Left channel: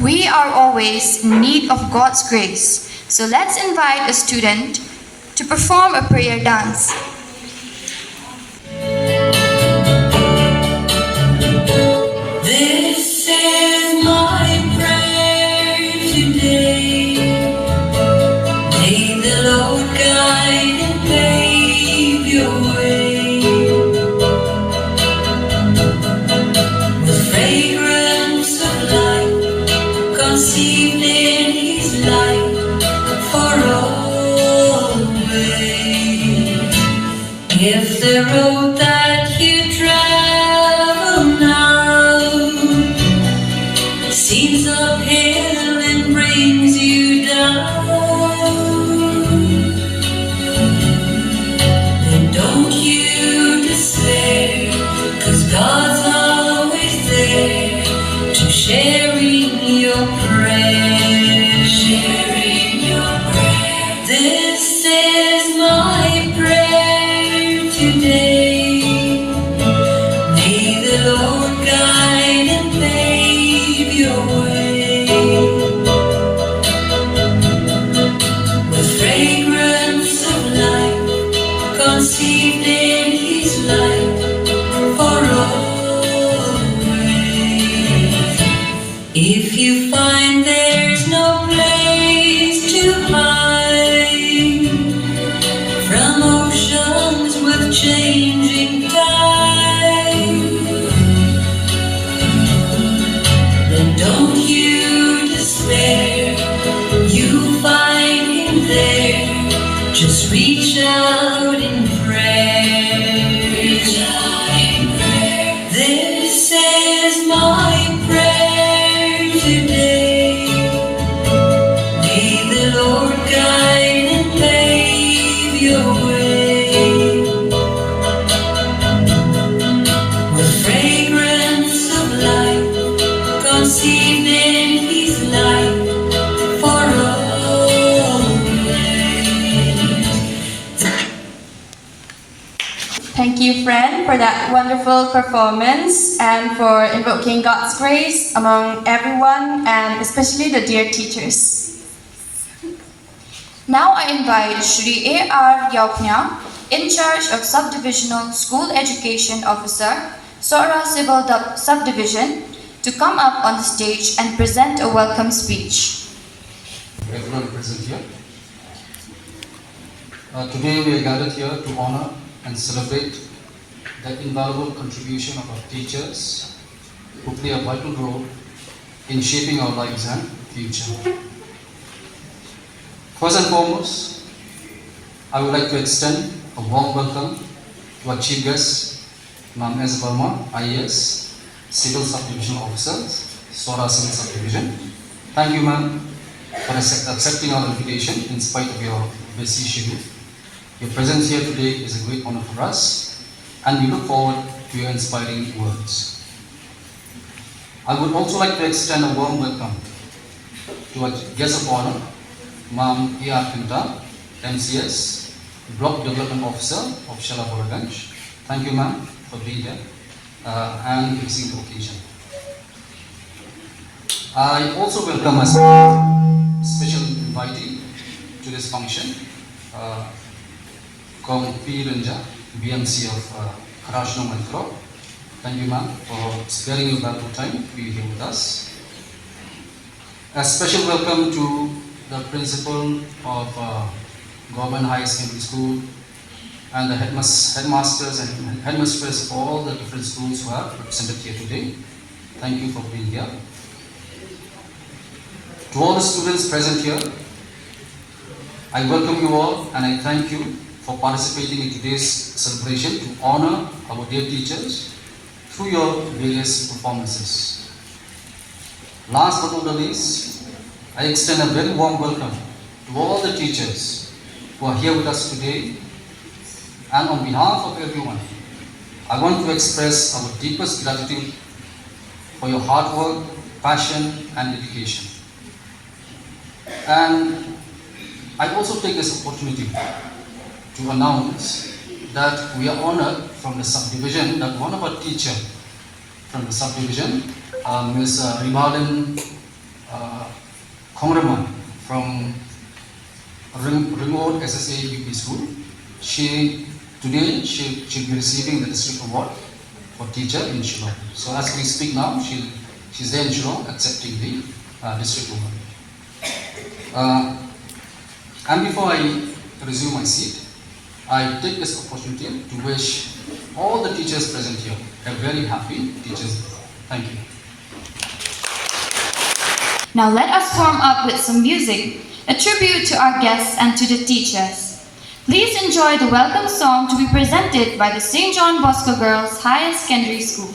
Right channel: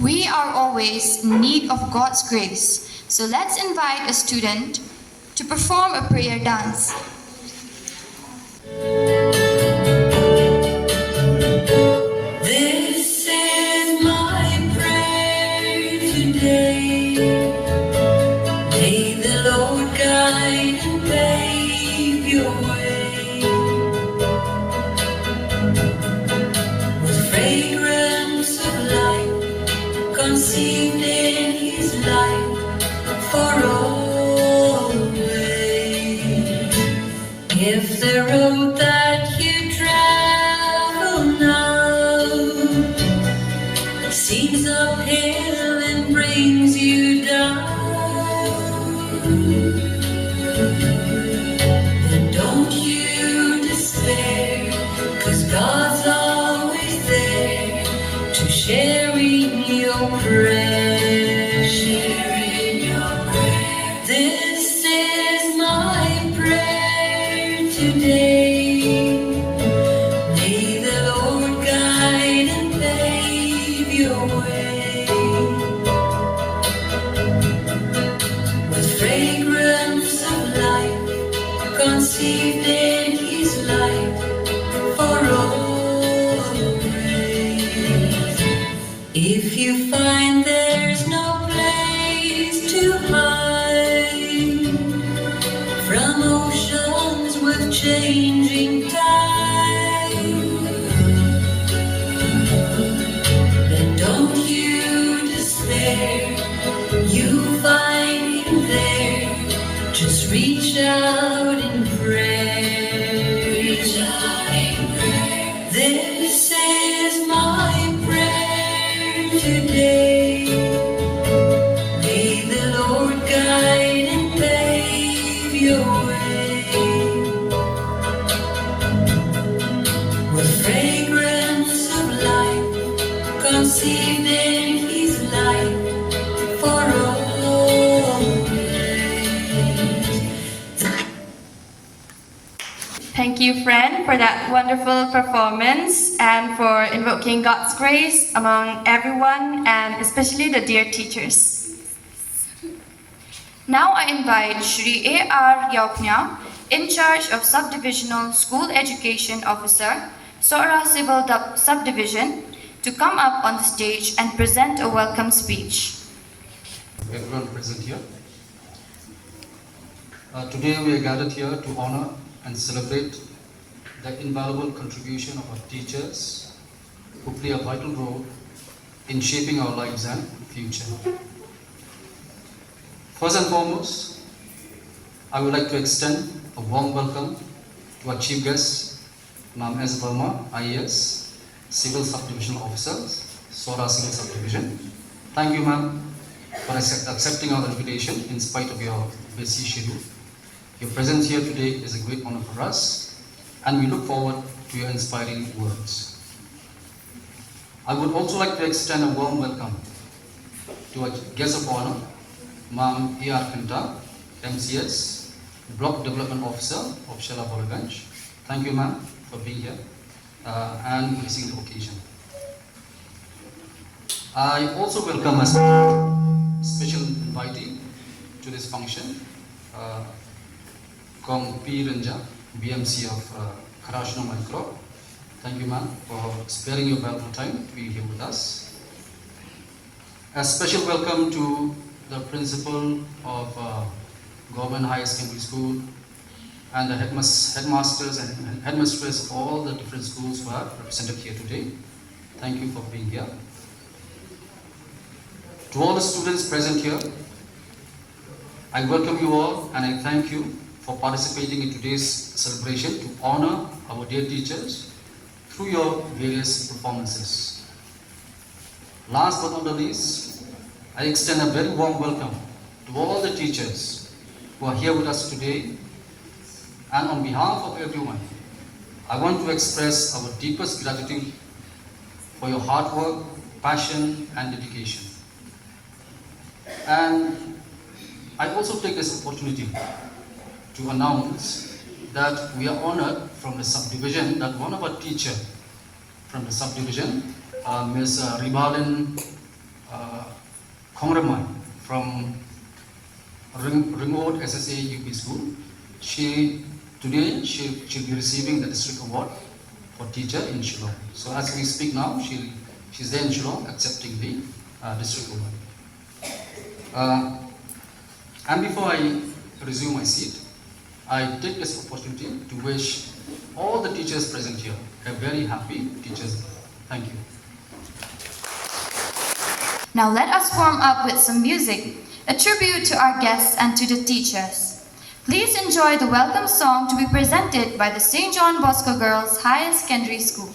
We are always in need of God's grace, so let's invite a student to perform a prayer dance. This is my prayer today. May the Lord guide and pave your way with fragrance of life conceived in His light for always. If the road that you travel now seems uphill and brings you down, then don't you despair, 'cause God's always there to sharing your prayer, sharing your prayer. This is my prayer today. May the Lord guide and pave your way with fragrance of life conceived in His light for always. If you find there's no place to hide from oceans with changing tides, then don't you despair. You find Him there. Just reach out in prayer. Reach out in prayer. This is my prayer today. May the Lord guide and pave your way with fragrance of life conceived in His light for always. Thank you, friend, for that wonderful performance and for invoking God's grace among everyone and especially the dear teachers. Now I invite Shri A.R. Yaupnya, in charge of Subdivisional School Education Officer, Sora Civil Subdivision, to come up on the stage and present a welcome speech. Everyone present here. Today we are gathered here to honor and celebrate the invaluable contribution of our teachers who play a vital role in shaping our lives and future. First and foremost, I would like to extend a warm welcome to our chief guest, Ma'am S. Verma, IAS, Civil Subdivision Officer, Sora Civil Subdivision. Thank you, ma'am, for accepting our invitation in spite of your busy schedule. Your presence here today is a great honor for us, and we look forward to your inspiring words. I would also like to extend a warm welcome to our guest of honor, Ma'am E.R. Kenta, MCS, Block Development Officer of Shalaburaganj. Thank you, ma'am, for being here and gracing the occasion. I also welcome as a special invitee to this function, Kong P. Ranja, BMC of Karashno Micro. Thank you, ma'am, for sparing your valuable time to be here with us. A special welcome to the principal of Government Higher Secondary School and the headmasters and headmistresses of all the different schools who are represented here today. Thank you for being here. To all the students present here, I welcome you all and I thank you for participating in today's celebration to honor our dear teachers through your various performances. Last but not the least, I extend a very warm welcome to all the teachers who are here with us today. And on behalf of everyone, I want to express our deepest gratitude for your hard work, passion, and dedication. And I also take this opportunity to announce that we are honored from the subdivision that one of our teachers from the subdivision, Ms. Rimalin Kongraman from Remote SSA UP School. Today she'll be receiving the district award for teacher in Shillong. So as we speak now, she's there in Shillong accepting the district award. And before I resume my seat, I take this opportunity to wish all the teachers present here a very happy Teachers Day. Thank you. Now let us warm up with some music, a tribute to our guests and to the teachers. Please enjoy the welcome song to be presented by the St. John Bosco Girls Higher Secondary School.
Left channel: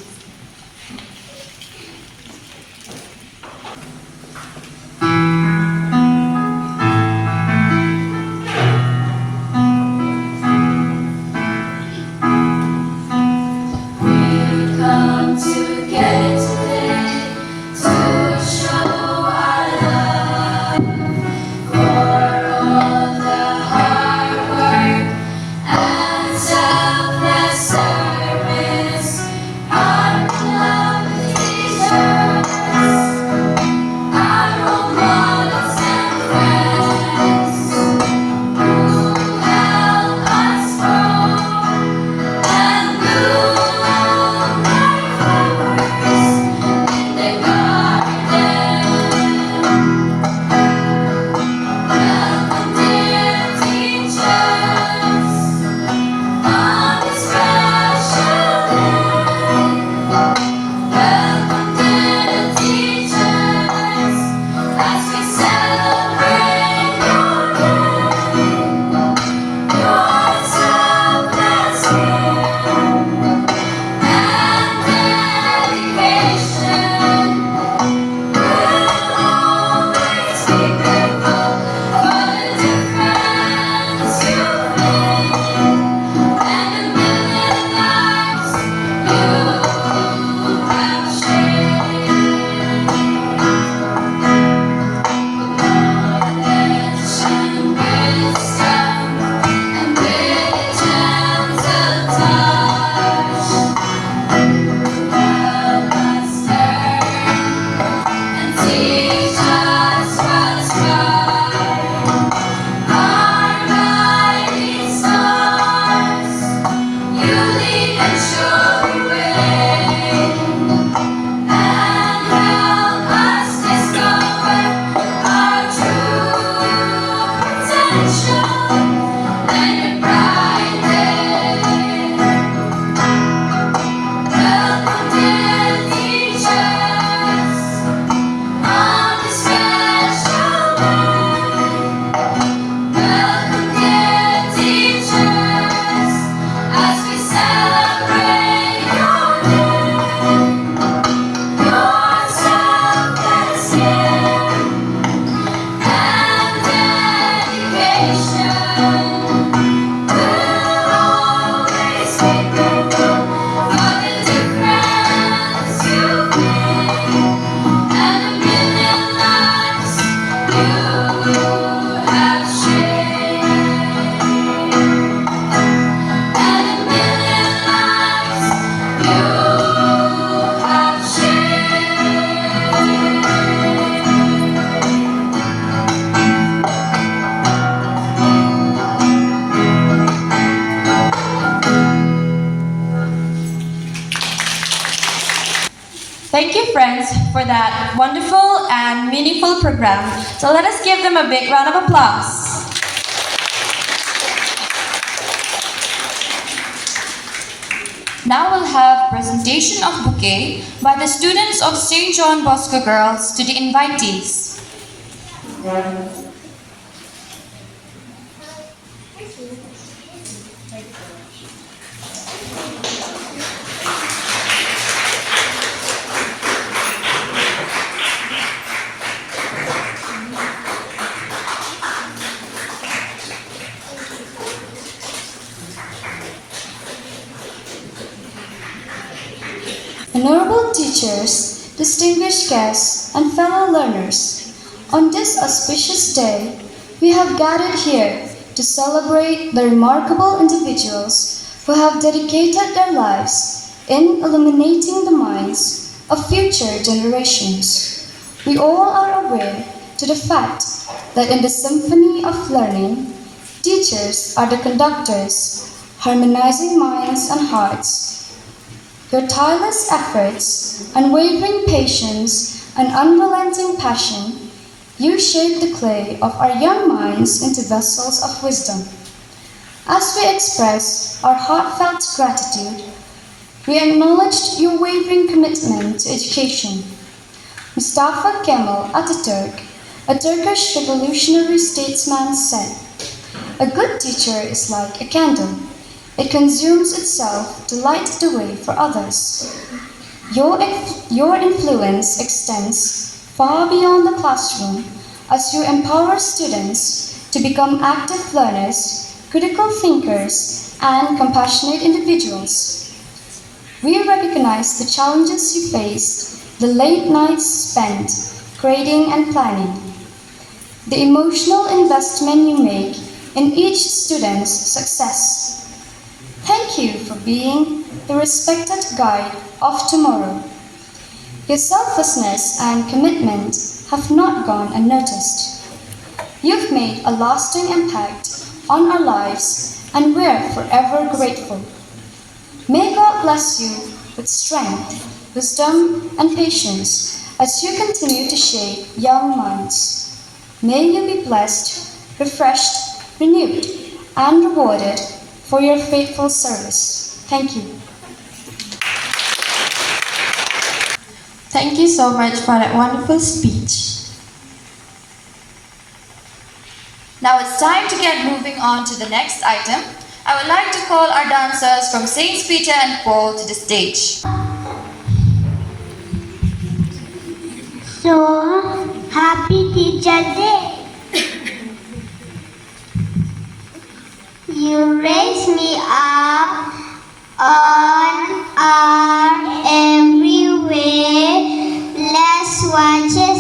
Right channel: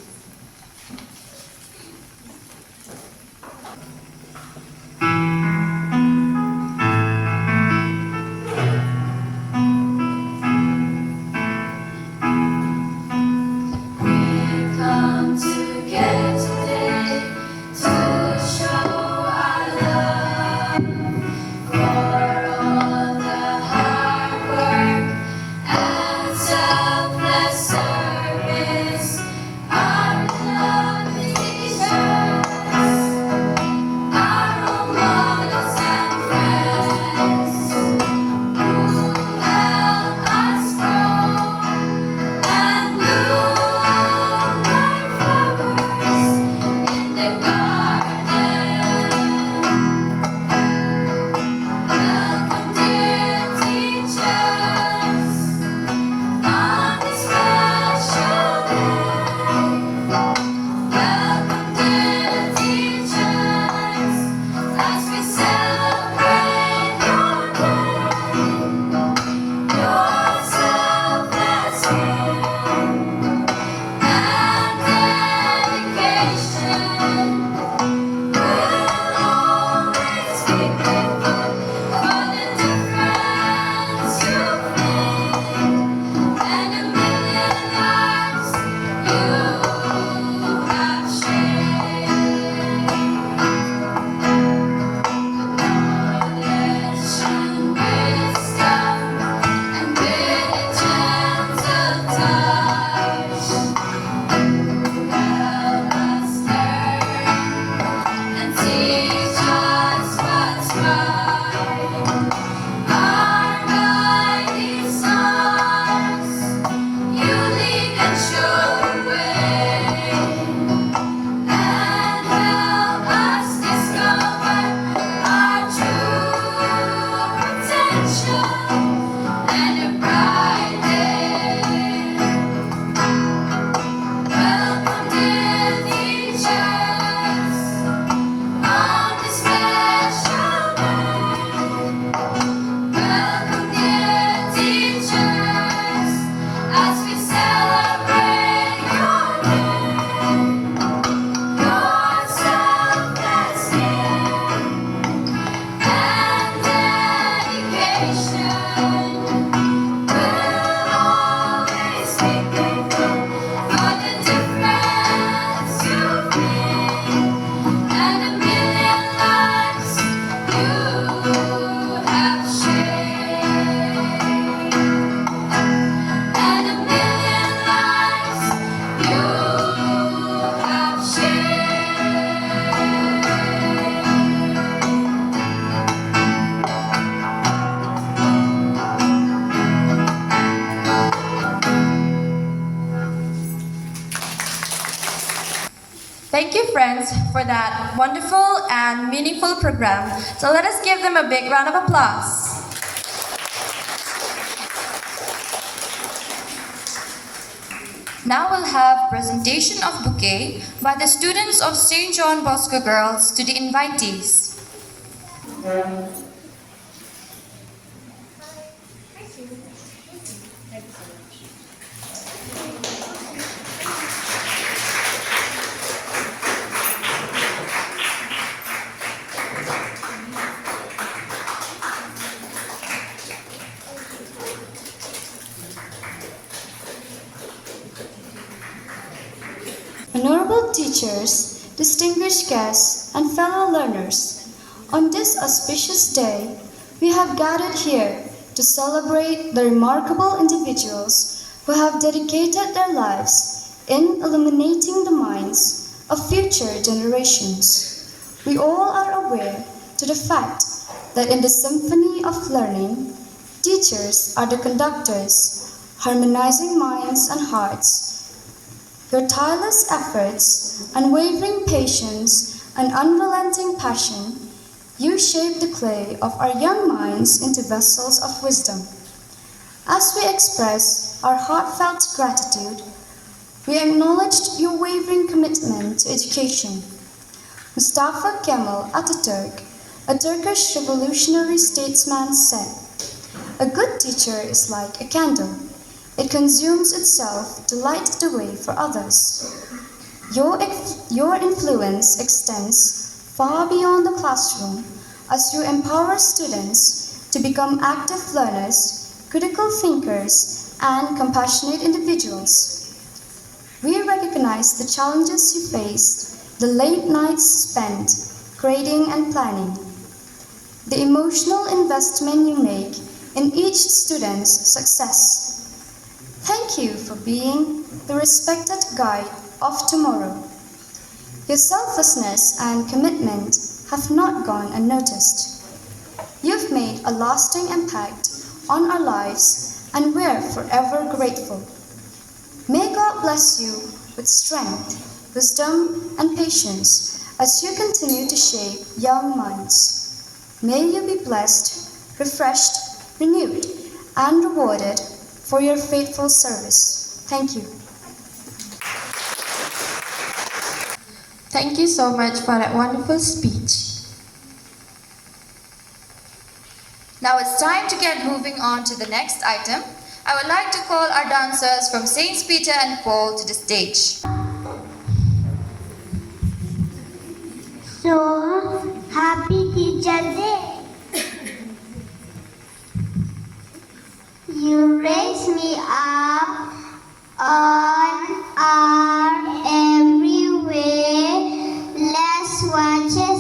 Thank you, friends, for that wonderful and meaningful program. So let us give them a big round of applause. Now we'll have presentation of bouquet by the students of St. John Bosco Girls to the invitees. Honorable teachers, distinguished guests, and fellow learners, on this auspicious day, we have gathered here to celebrate the remarkable individuals who have dedicated their lives in illuminating the minds of future generations. We all are aware to the fact that in the symphony of learning, teachers are the conductors, harmonizing minds and hearts. Your tireless efforts, unwavering patience, and unrelenting passion, you shape the clay of our young minds into vessels of wisdom. As we express our heartfelt gratitude, we acknowledge your wavering commitment to education. Mustafa Kemal Atatürk, a Turkish revolutionary statesman, said, "A good teacher is like a candle. It consumes itself to light the way for others." Your influence extends far beyond the classroom as you empower students to become active learners, critical thinkers, and compassionate individuals. We recognize the challenges you faced, the late nights spent grading and planning, the emotional investment you make in each student's success. Thank you for being the respected guide of tomorrow. Your selflessness and commitment have not gone unnoticed. You've made a lasting impact on our lives and we're forever grateful. May God bless you with strength, wisdom, and patience as you continue to shape young minds. May you be blessed, refreshed, renewed, and rewarded for your faithful service. Thank you. Thank you so much for that wonderful speech. Now it's time to get moving on to the next item. I would like to call our dancers from Saints Peter and Paul to the stage. So, happy Teacher Day! You raise me up on our every way. Let's watch it.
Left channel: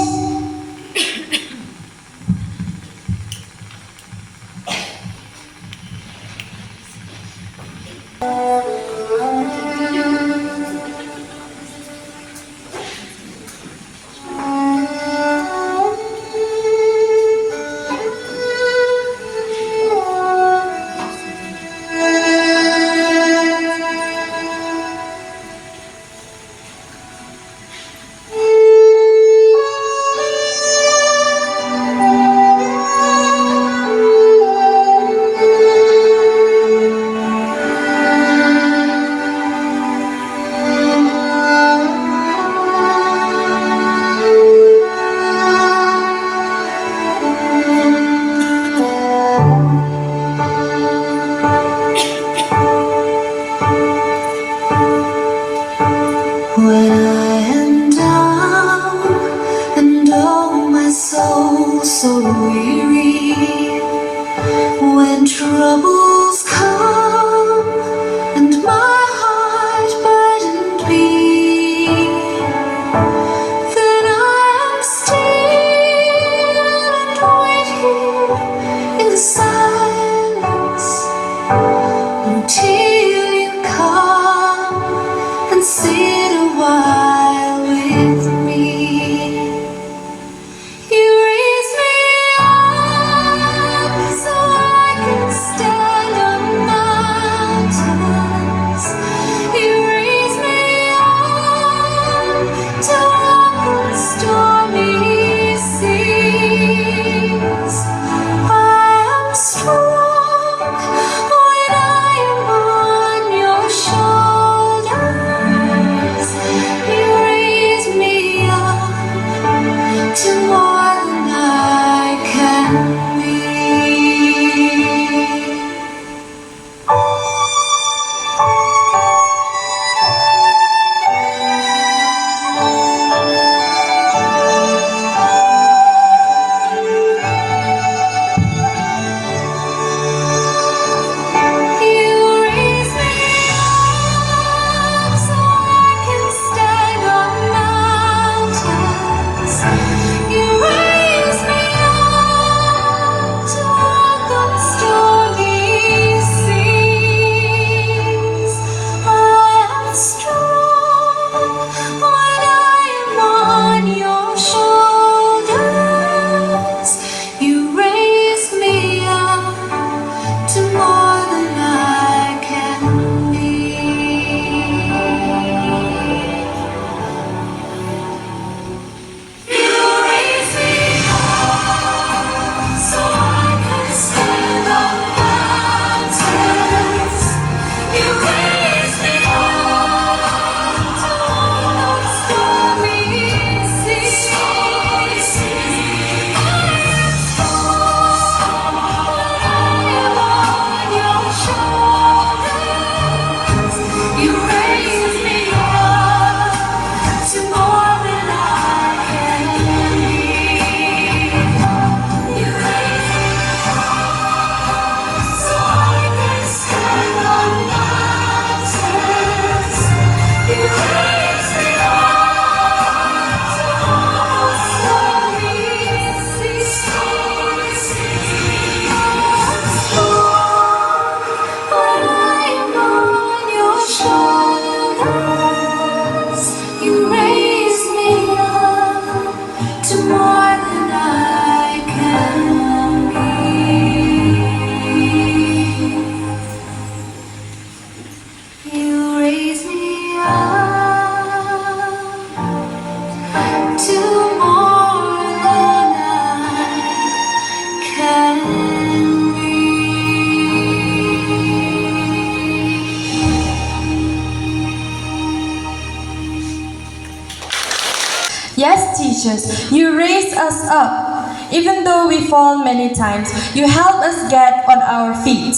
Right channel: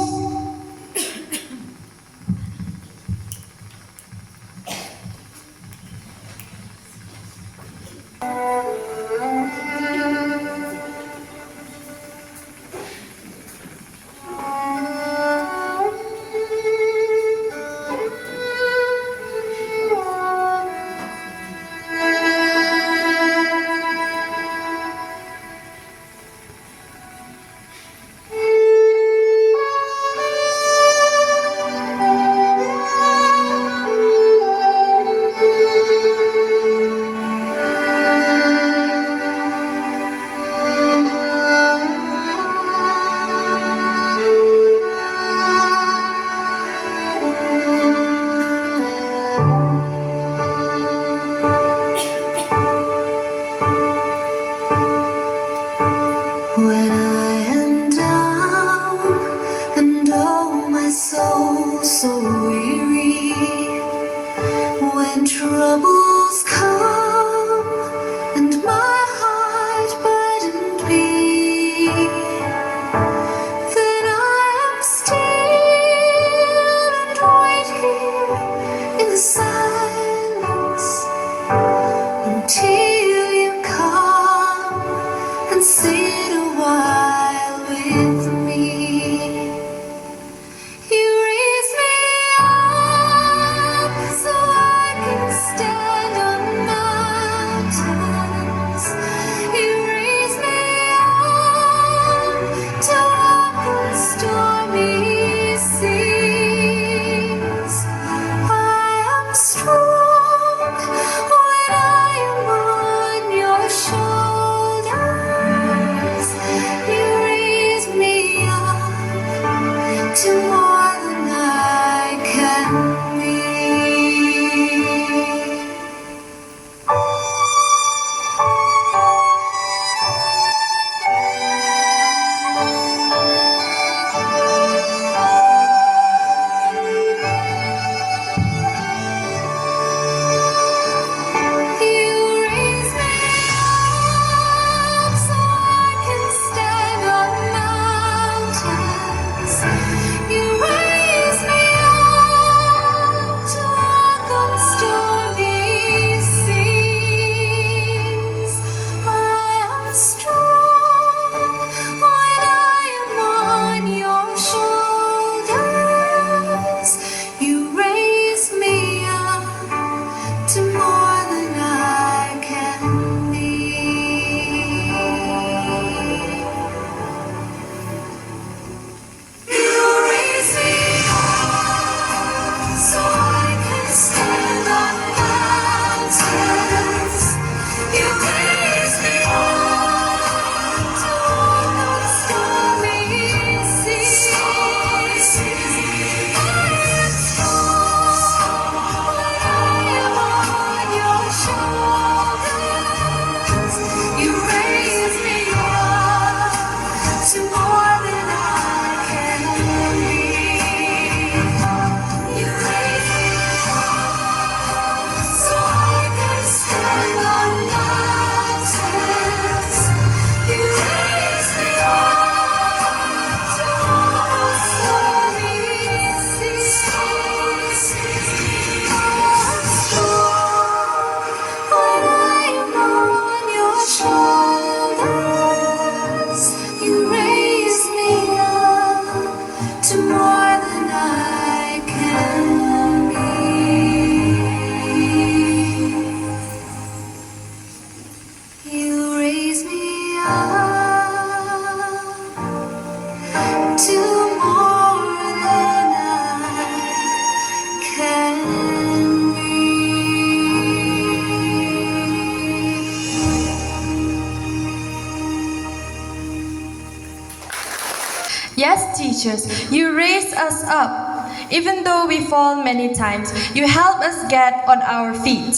Yes, teachers, you raise us up. Even though we fall many times, you help us get on our feet.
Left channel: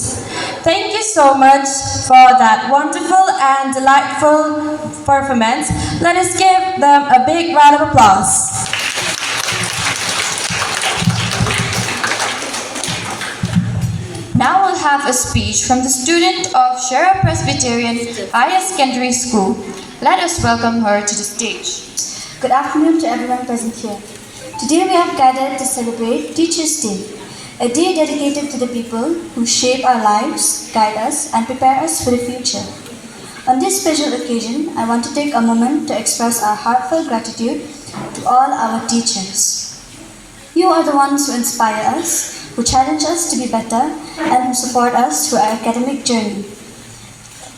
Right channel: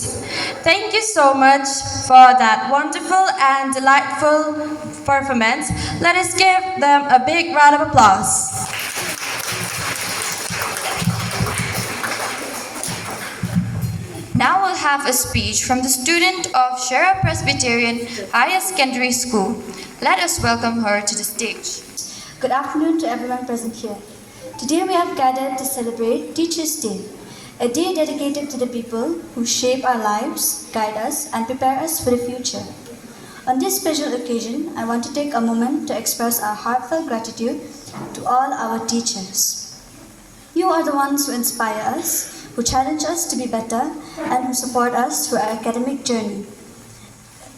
Thank you so much for that wonderful and delightful performance. Let us give them a big round of applause. Now we'll have a speech from the student of Shera Presbyterian Higher Secondary School. Let us welcome her to the stage. Good afternoon to everyone present here. Today we have gathered to celebrate Teachers' Day, a day dedicated to the people who shape our lives, guide us, and prepare us for the future. On this special occasion, I want to take a moment to express our heartfelt gratitude to all our teachers. You are the ones who inspire us, who challenge us to be better, and who support us through our academic journey.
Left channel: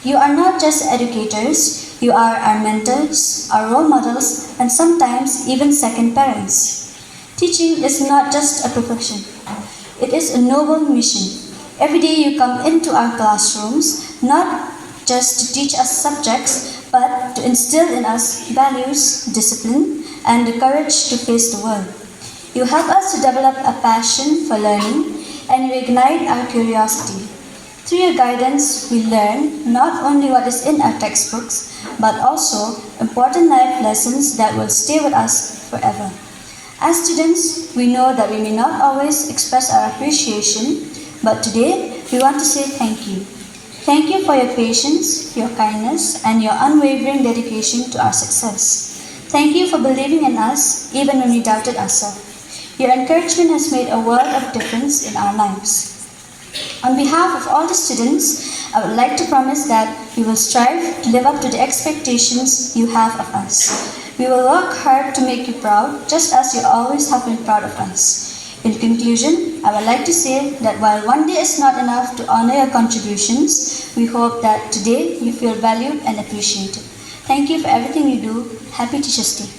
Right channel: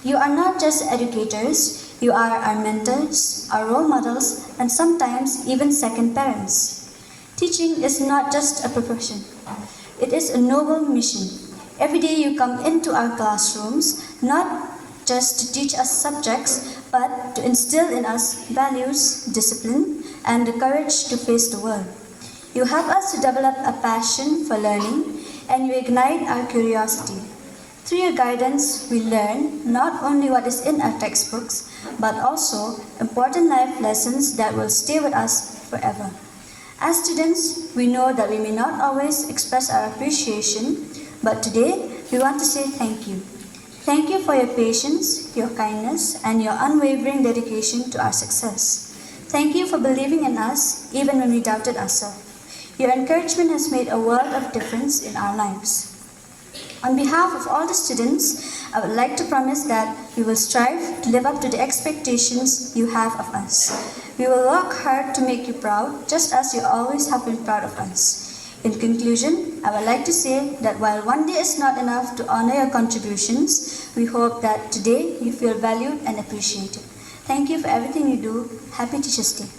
You are not just educators, you are our mentors, our role models, and sometimes even second parents. Teaching is not just a profession. It is a noble mission. Every day you come into our classrooms, not just to teach us subjects, but to instill in us values, discipline, and the courage to face the world. You help us to develop a passion for learning, and you ignite our curiosity. Through your guidance, we learn not only what is in our textbooks, but also important life lessons that will stay with us forever. As students, we know that we may not always express our appreciation, but today we want to say thank you. Thank you for your patience, your kindness, and your unwavering dedication to our success. Thank you for believing in us even when we doubted ourselves. Your encouragement has made a world of difference in our lives. On behalf of all the students, I would like to promise that we will strive to live up to the expectations you have of us. We will work hard to make you proud, just as you always have been proud of us. In conclusion, I would like to say that while one day is not enough to honor your contributions, we hope that today you feel valued and appreciated. Thank you for everything you do. Happy Teachers' Day.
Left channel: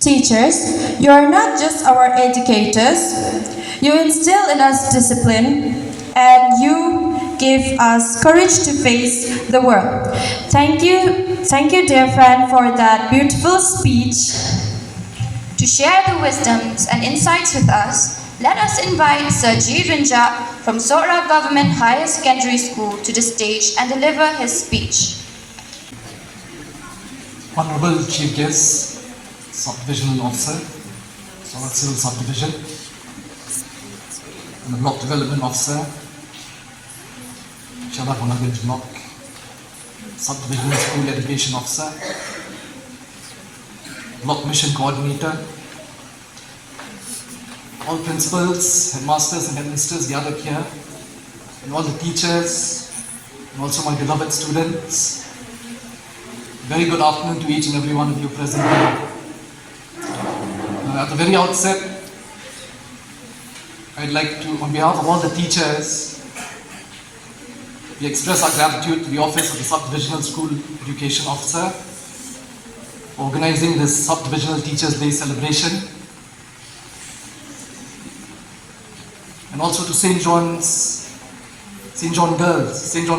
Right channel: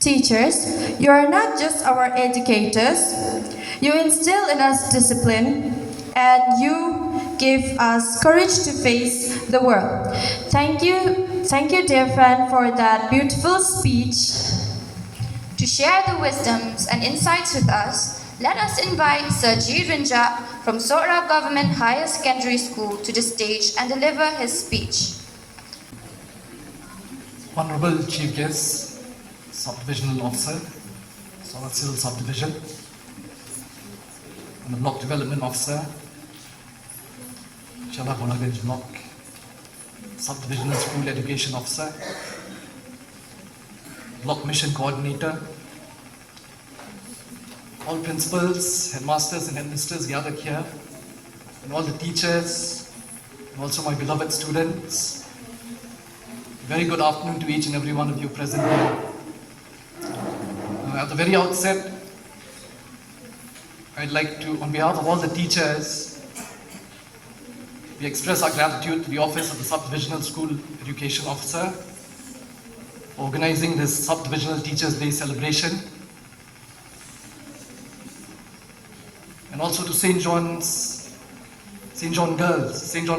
Teachers, you are not just our educators. You instill in us discipline and you give us courage to face the world. Thank you, dear friend, for that beautiful speech. To share the wisdoms and insights with us, let us invite Sir G. Rinja from Sora Government Higher Secondary School to the stage and deliver his speech. Honorable Chief Guest, Subdivisional Officer, Sora Civil Subdivision, and the Block Development Officer, Chala Bonaganj Block, Subdivisional School Education Officer, Block Mission Coordinator, all principals, headmasters and headmisters gathered here, and all the teachers, and also my beloved students. Very good afternoon to each and every one of you present here. At the very outset, I'd like to, on behalf of all the teachers, we express our gratitude to the Office of the Subdivisional School Education Officer for organizing this Subdivisional Teachers' Day celebration, and also to St. John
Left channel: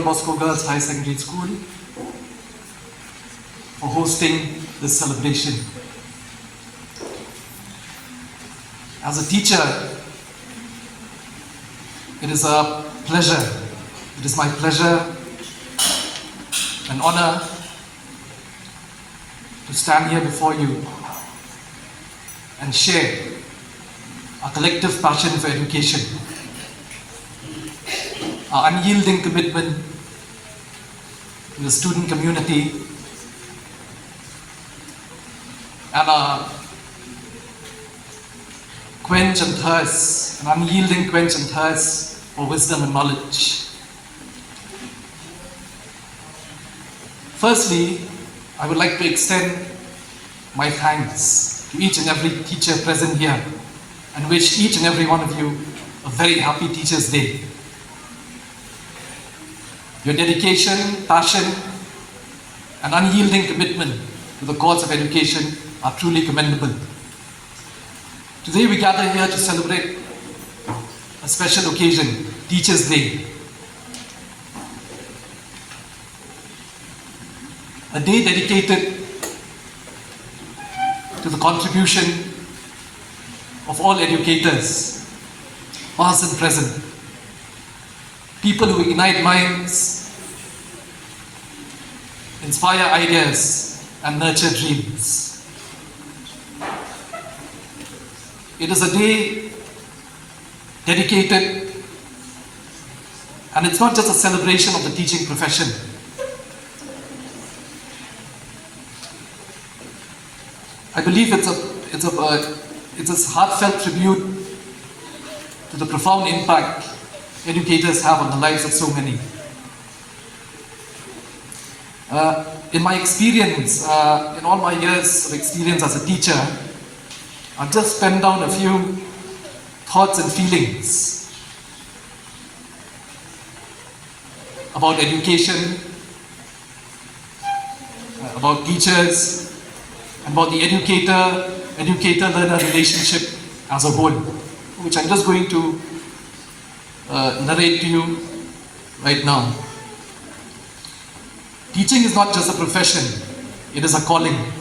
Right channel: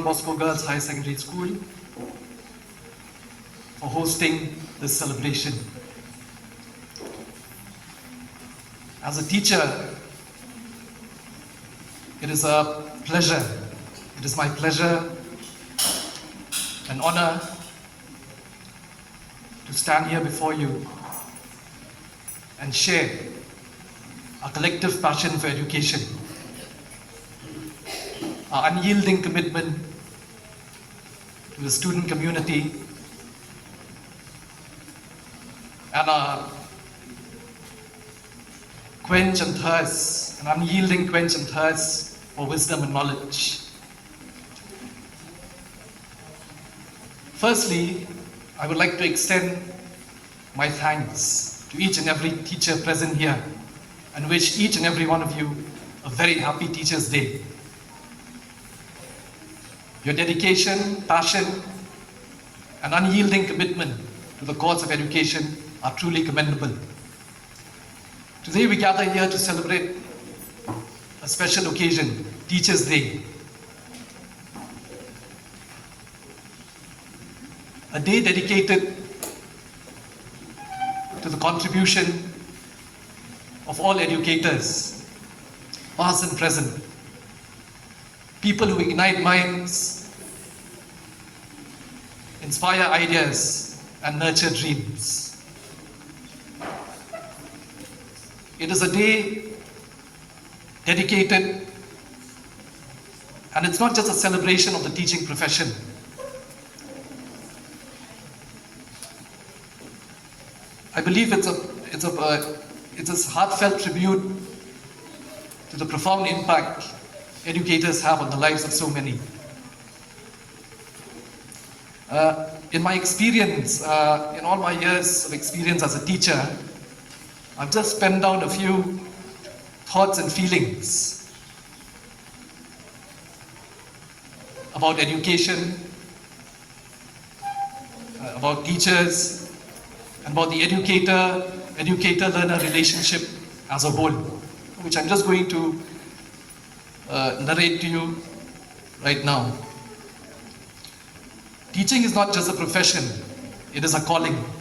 Bosco Girls High Secondary School for hosting this celebration. As a teacher, it is a pleasure, it is my pleasure and honor to stand here before you and share our collective passion for education, our unyielding commitment to the student community, and our quench and thirst, an unyielding quench and thirst for wisdom and knowledge. Firstly, I would like to extend my thanks to each and every teacher present here and wish each and every one of you a very happy Teachers' Day. Your dedication, passion, and unyielding commitment to the cause of education are truly commendable. Today we gather here to celebrate a special occasion, Teachers' Day. A day dedicated to the contribution of all educators, past and present, people who ignite minds, inspire ideas, and nurture dreams. It is a day dedicated, and it's not just a celebration of the teaching profession. I believe it's a heartfelt tribute to the profound impact educators have on the lives of so many. In my experience, in all my years of experience as a teacher, I've just penned down a few thoughts and feelings about education, about teachers, and about the educator-learner relationship as a whole, which I'm just going to narrate to you right now. Teaching is not just a profession, it is a calling,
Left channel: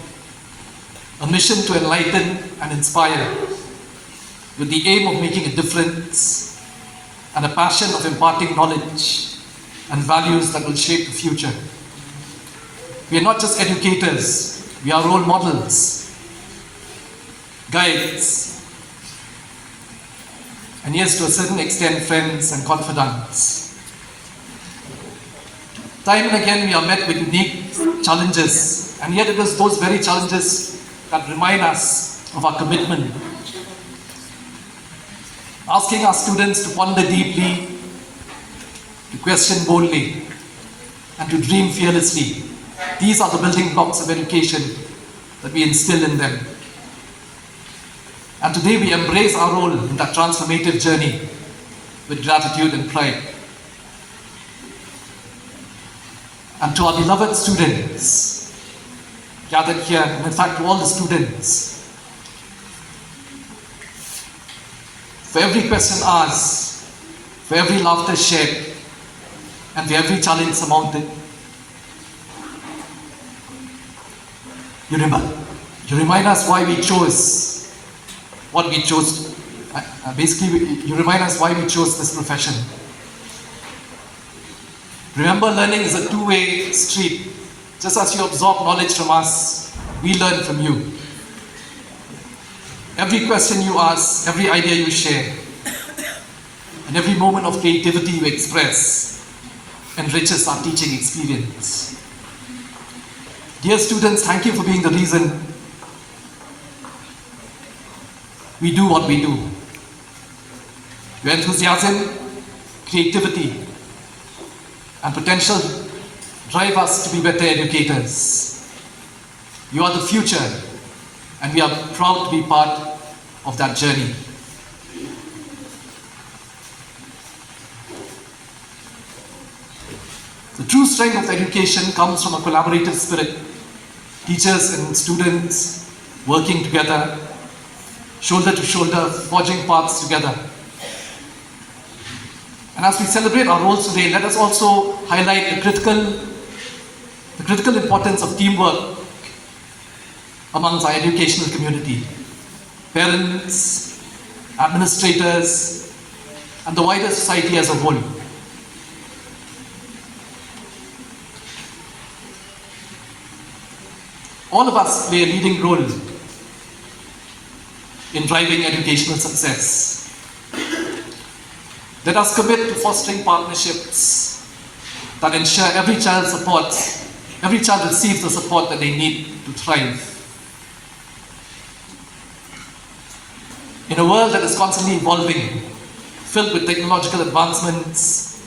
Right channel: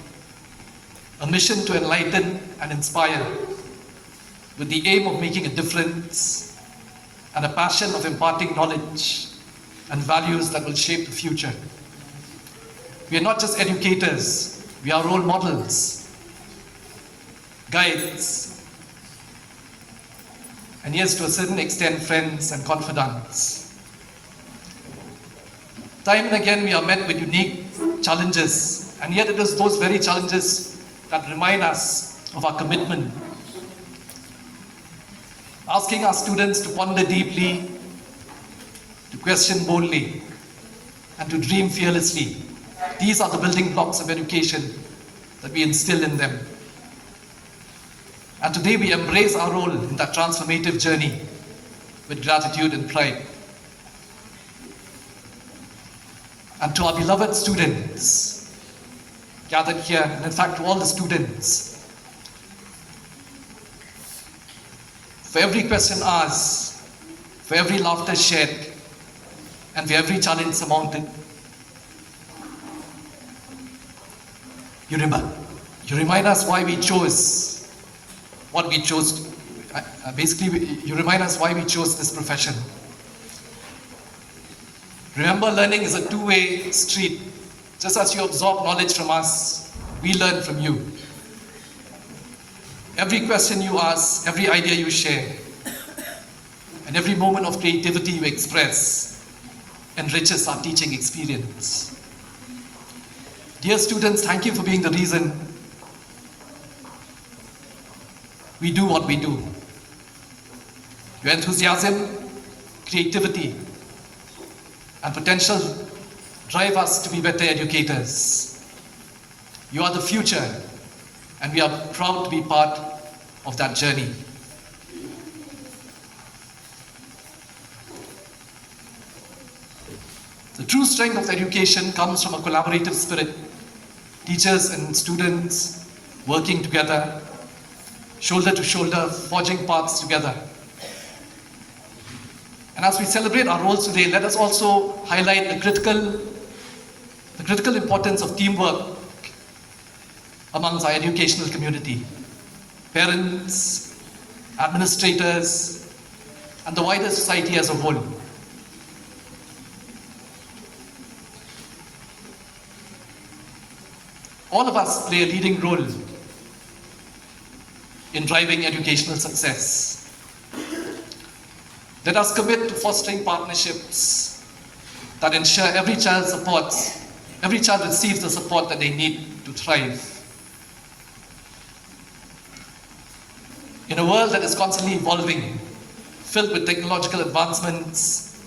a mission to enlighten and inspire, with the aim of making a difference and a passion of imparting knowledge and values that will shape the future. We are not just educators, we are role models, guides, and yes, to a certain extent, friends and confidants. Time and again, we are met with unique challenges, and yet it is those very challenges that remind us of our commitment. Asking our students to ponder deeply, to question boldly, and to dream fearlessly. These are the building blocks of education that we instill in them. And today we embrace our role in that transformative journey with gratitude and pride. And to our beloved students gathered here, and in fact to all the students, for every question asked, for every laughter shared, and for every challenge surmounted, you remind us why we chose what we chose. Basically, you remind us why we chose this profession. Remember, learning is a two-way street. Just as you absorb knowledge from us, we learn from you. Every question you ask, every idea you share, and every moment of creativity you express enriches our teaching experience. Dear students, thank you for being the reason we do what we do. Your enthusiasm, creativity, and potential drive us to be better educators. You are the future, and we are proud to be part of that journey. The true strength of education comes from a collaborative spirit. Teachers and students working together, shoulder to shoulder, forging paths together. And as we celebrate our roles today, let us also highlight the critical importance of teamwork amongst our educational community. Parents, administrators, and the wider society as a whole. All of us play a leading role in driving educational success. Let us commit to fostering partnerships that ensure every child receives the support that they need to thrive. In a world that is constantly evolving, filled with technological advancements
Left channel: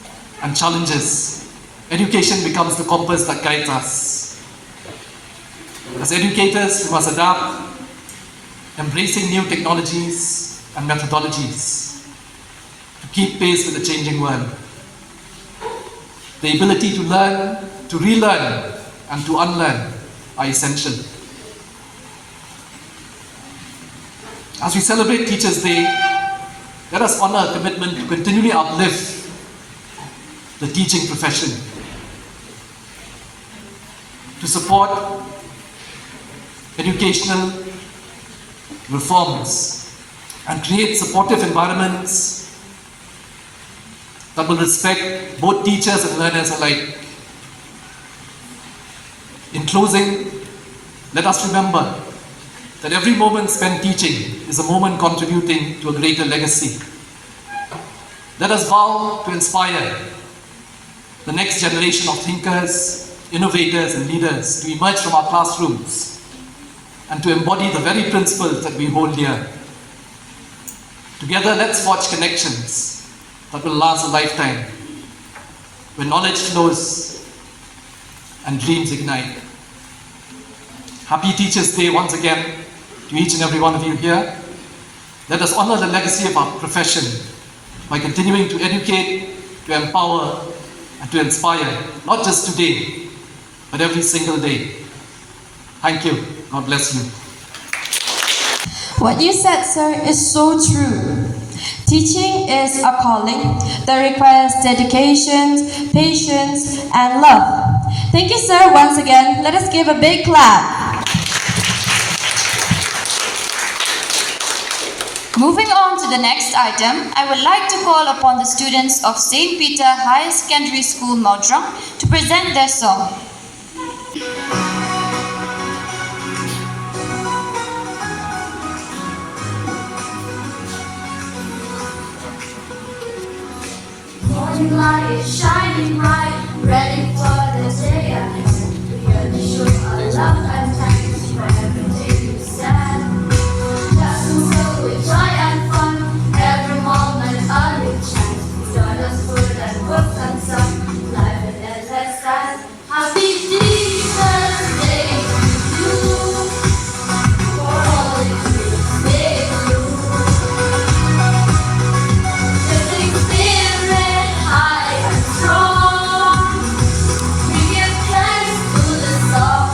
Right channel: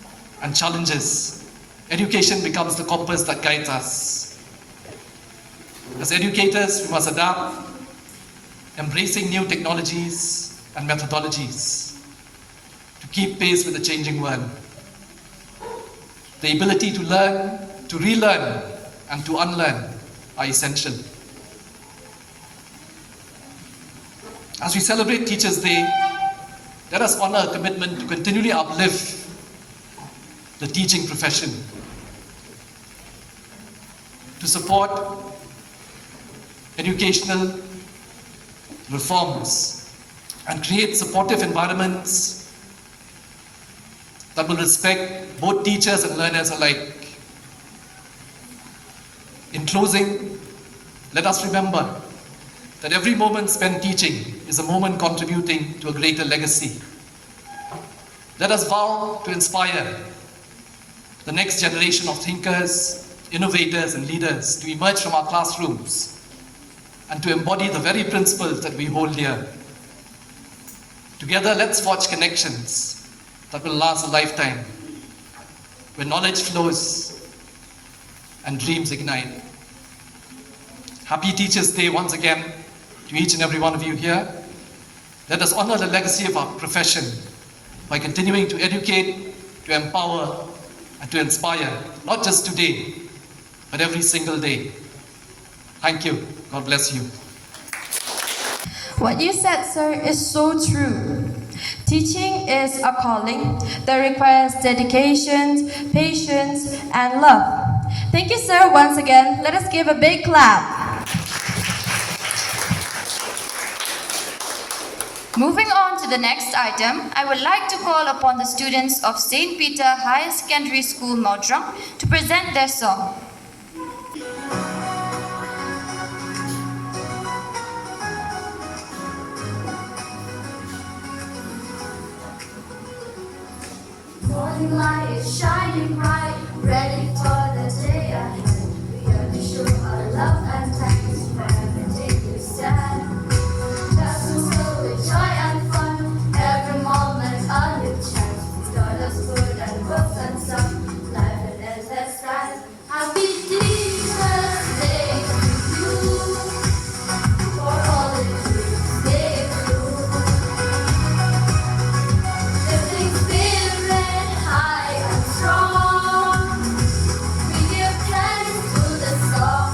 and challenges, education becomes the compass that guides us. As educators, we must adapt, embracing new technologies and methodologies to keep pace with the changing world. The ability to learn, to relearn, and to unlearn are essential. As we celebrate Teachers' Day, let us honor our commitment to continually uplift the teaching profession, to support educational reforms, and create supportive environments that will respect both teachers and learners alike. In closing, let us remember that every moment spent teaching is a moment contributing to a greater legacy. Let us vow to inspire the next generation of thinkers, innovators, and leaders to emerge from our classrooms and to embody the very principles that we hold dear. Together, let's forge connections that will last a lifetime, where knowledge flows and dreams ignite. Happy Teachers' Day once again to each and every one of you here. Let us honor the legacy of our profession by continuing to educate, to empower, and to inspire, not just today, but every single day. Thank you. God bless you. What you said, sir, is so true. Teaching is a calling that requires dedication, patience, and love. Thank you, sir, once again. Let us give a big clap. Moving on to the next item, I would like to call upon the students of St. Peter Higher Secondary School, Modrang, to present their song. Morning light is shining bright, ready for the day ahead. We are to show our love and thanks for everything you said. Lessons filled with joy and fun, every moment a new chance. Join us, food and books and sun, life in endless skies. Happy Teachers' Day to you, for all it means make you. Living spirit high and strong, we give thanks to the song,